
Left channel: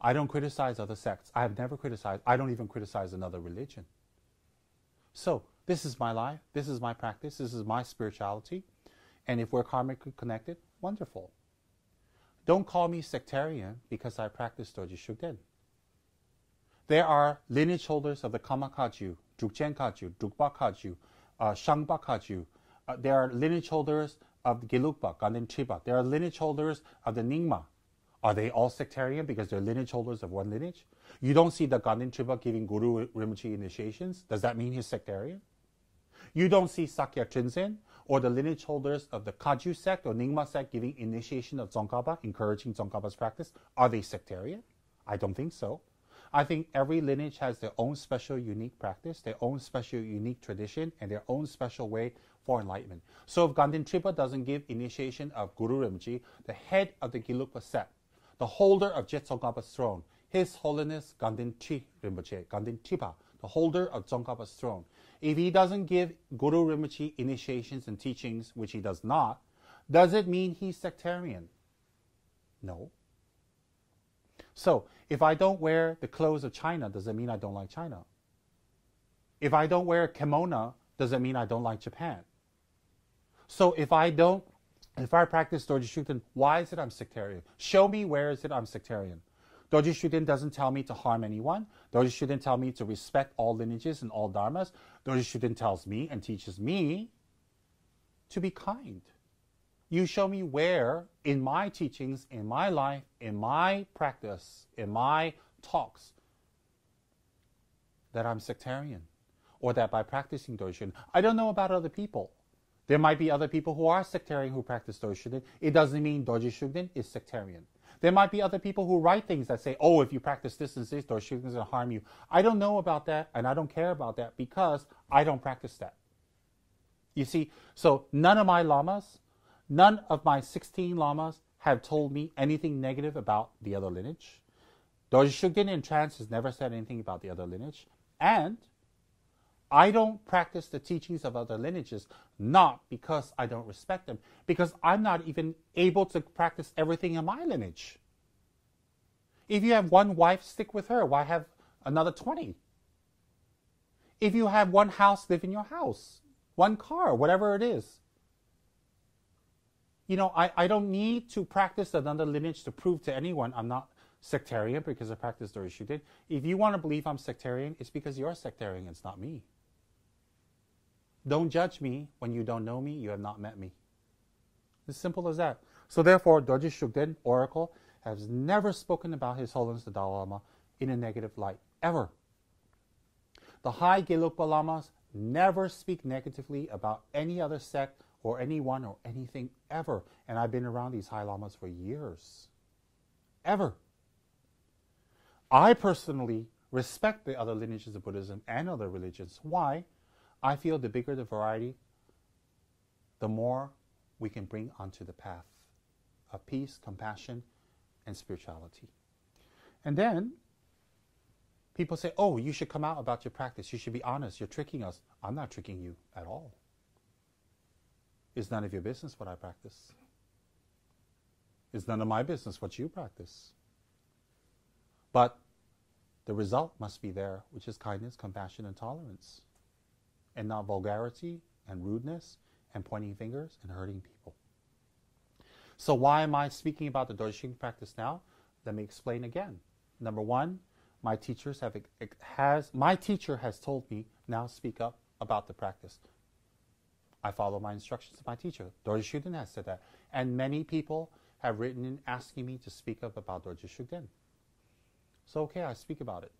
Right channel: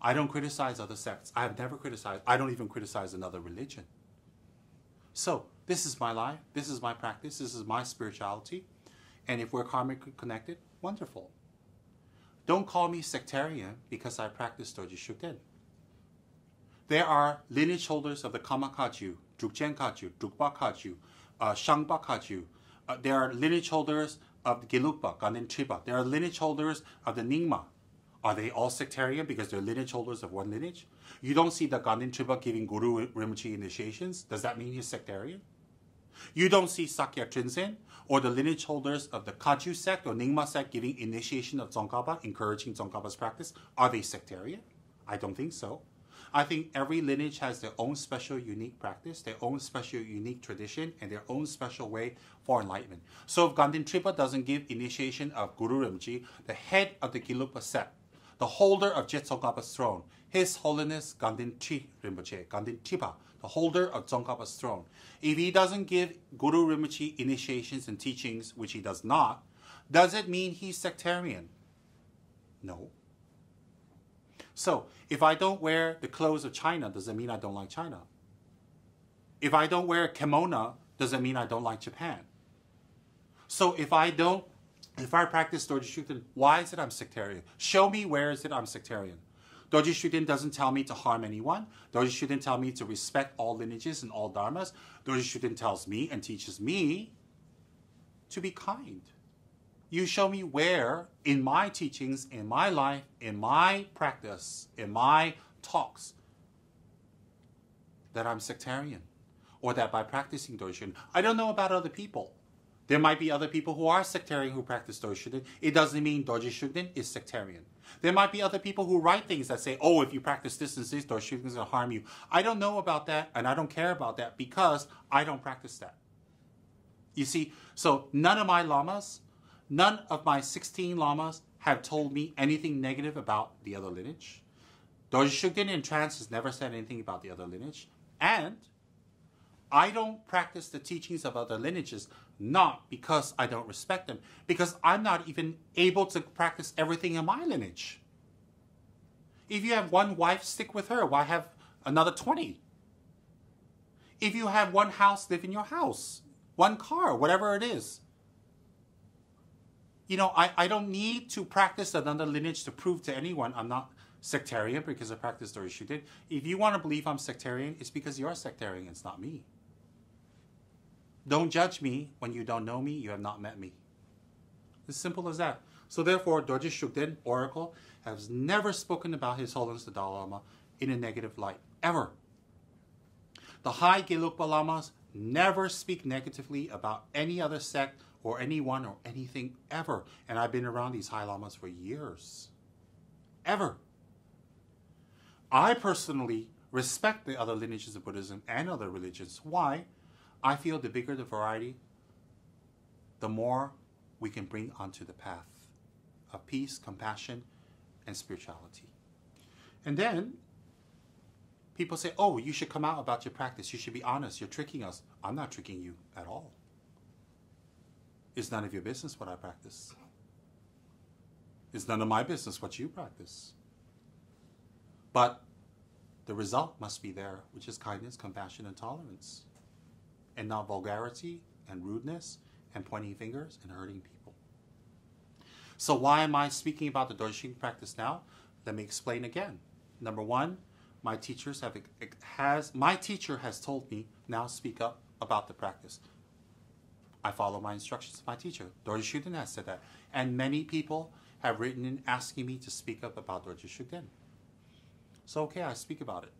I don't criticize other sects. I have never criticized. I don't even criticize another religion. So this is my life. This is my practice. This is my spirituality. And if we're karmically connected, wonderful. Don't call me sectarian because I practice Dorje Shugden. There are lineage holders of the Kama Kaju, Drukchen Kaju, Drukpa Kaju, Shangpa Kaju. There are lineage holders of the Gelugpa, Ganden Tripa. There are lineage holders of the Nyingma. Are they all sectarian because they're lineage holders of one lineage? You don't see the Ganden Tripa giving Guru Rinpoche initiations. Does that mean he's sectarian? You don't see Sakya Trinzen or the lineage holders of the Kaju sect or Nyingma sect giving initiation of Tsongkhapa, encouraging Tsongkhapa's practice. Are they sectarian? I don't think so. I think every lineage has their own special, unique practice, their own special, unique tradition, and their own special way for enlightenment. So if Ganden Tripa doesn't give initiation of Guru Rinpoche, the head of the Gelugpa sect, the holder of Je Tsongkhapa's throne, His Holiness Ganden Tri Rinpoche, Ganden Tripa, the holder of Tsongkhapa's throne, if he doesn't give Guru Rinpoche initiations and teachings, which he does not, does it mean he's sectarian? No. So, if I don't wear the clothes of China, does it mean I don't like China? If I don't wear kimono, does it mean I don't like Japan? So if I practice Dorje Shugden, why is it I'm sectarian? Show me where is it I'm sectarian. Dorje Shugden doesn't tell me to harm anyone. Dorje Shugden tells me to respect all lineages and all dharmas. Dorje Shugden tells me and teaches me to be kind. You show me where in my teachings, in my life, in my practice, in my talks, that I'm sectarian. Or that by practicing Dorje Shugden, I don't know about other people. There might be other people who are sectarian who practice Dorje Shugden. It doesn't mean Dorje Shugden is sectarian. There might be other people who write things that say, oh, if you practice this and this, Dorje Shugden is going to harm you. I don't know about that, and I don't care about that because I don't practice that. You see, so none of my lamas, none of my 16 lamas have told me anything negative about the other lineage. Dorje Shugden in trance has never said anything about the other lineage. And I don't practice the teachings of other lineages, not because I don't respect them, because I'm not even able to practice everything in my lineage. If you have one wife, stick with her. Why have another 20? If you have one house, live in your house. One car, whatever it is. You know, I don't need to practice another lineage to prove to anyone I'm not sectarian because I practice Dorje Shugden. If you want to believe I'm sectarian, it's because you're sectarian, it's not me. Don't judge me when you don't know me, you have not met me. As simple as that. So therefore, Dorje Shugden, Oracle, has never spoken about His Holiness the Dalai Lama in a negative light, ever. The High Gelugpa Lamas never speak negatively about any other sect or anyone or anything ever. And I've been around these High Lamas for years. Ever. I personally respect the other lineages of Buddhism and other religions. Why? I feel the bigger the variety, the more we can bring onto the path of peace, compassion, and spirituality. And then people say, oh, you should come out about your practice. You should be honest. You're tricking us. I'm not tricking you at all. It's none of your business what I practice. It's none of my business what you practice. But the result must be there, which is kindness, compassion, and tolerance. And not vulgarity and rudeness and pointing fingers and hurting people. So why am I speaking about the Dorje Shugden practice now? Let me explain again. Number one, my teacher has told me, now speak up about the practice. I follow my instructions of my teacher. Dorje Shugden has said that. And many people have written in asking me to speak up about Dorje Shugden. So okay, I speak about it.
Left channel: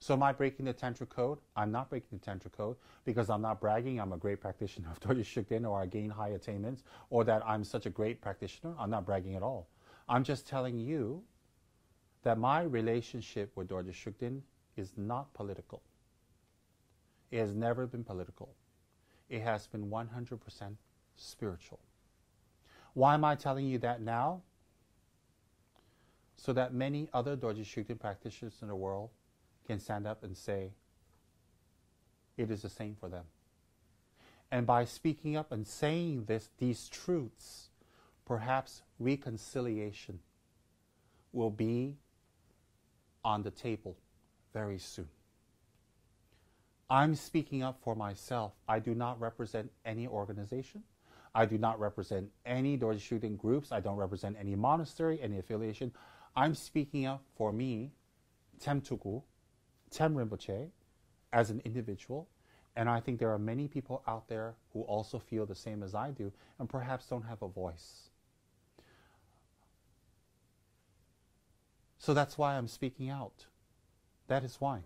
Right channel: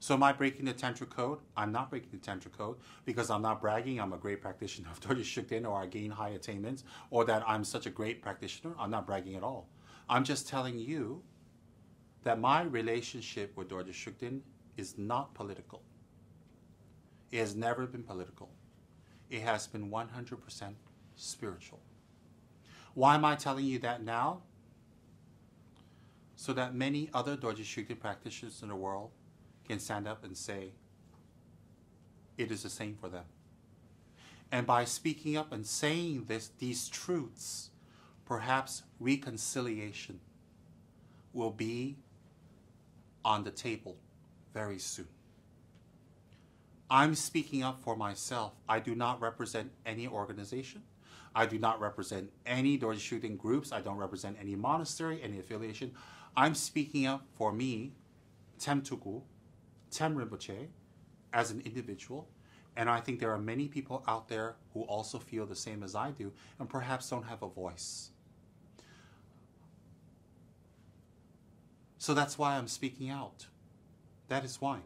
So am I breaking the Tantra code? I'm not breaking the Tantra code because I'm not bragging I'm a great practitioner of Dorje Shugden or I gain high attainments or that I'm such a great practitioner. I'm not bragging at all. I'm just telling you that my relationship with Dorje Shugden is not political. It has never been political. It has been 100% spiritual. Why am I telling you that now? So that many other Dorje Shugden practitioners in the world can stand up and say, it is the same for them. And by speaking up and saying these truths, perhaps reconciliation will be on the table very soon. I'm speaking up for myself. I do not represent any organization. I do not represent any Dorje Shugden groups. I don't represent any monastery, any affiliation. I'm speaking up for me, Tsem Tugu, Tsem Rinpoche, as an individual. And I think there are many people out there who also feel the same as I do and perhaps don't have a voice. So that's why I'm speaking out. That is why.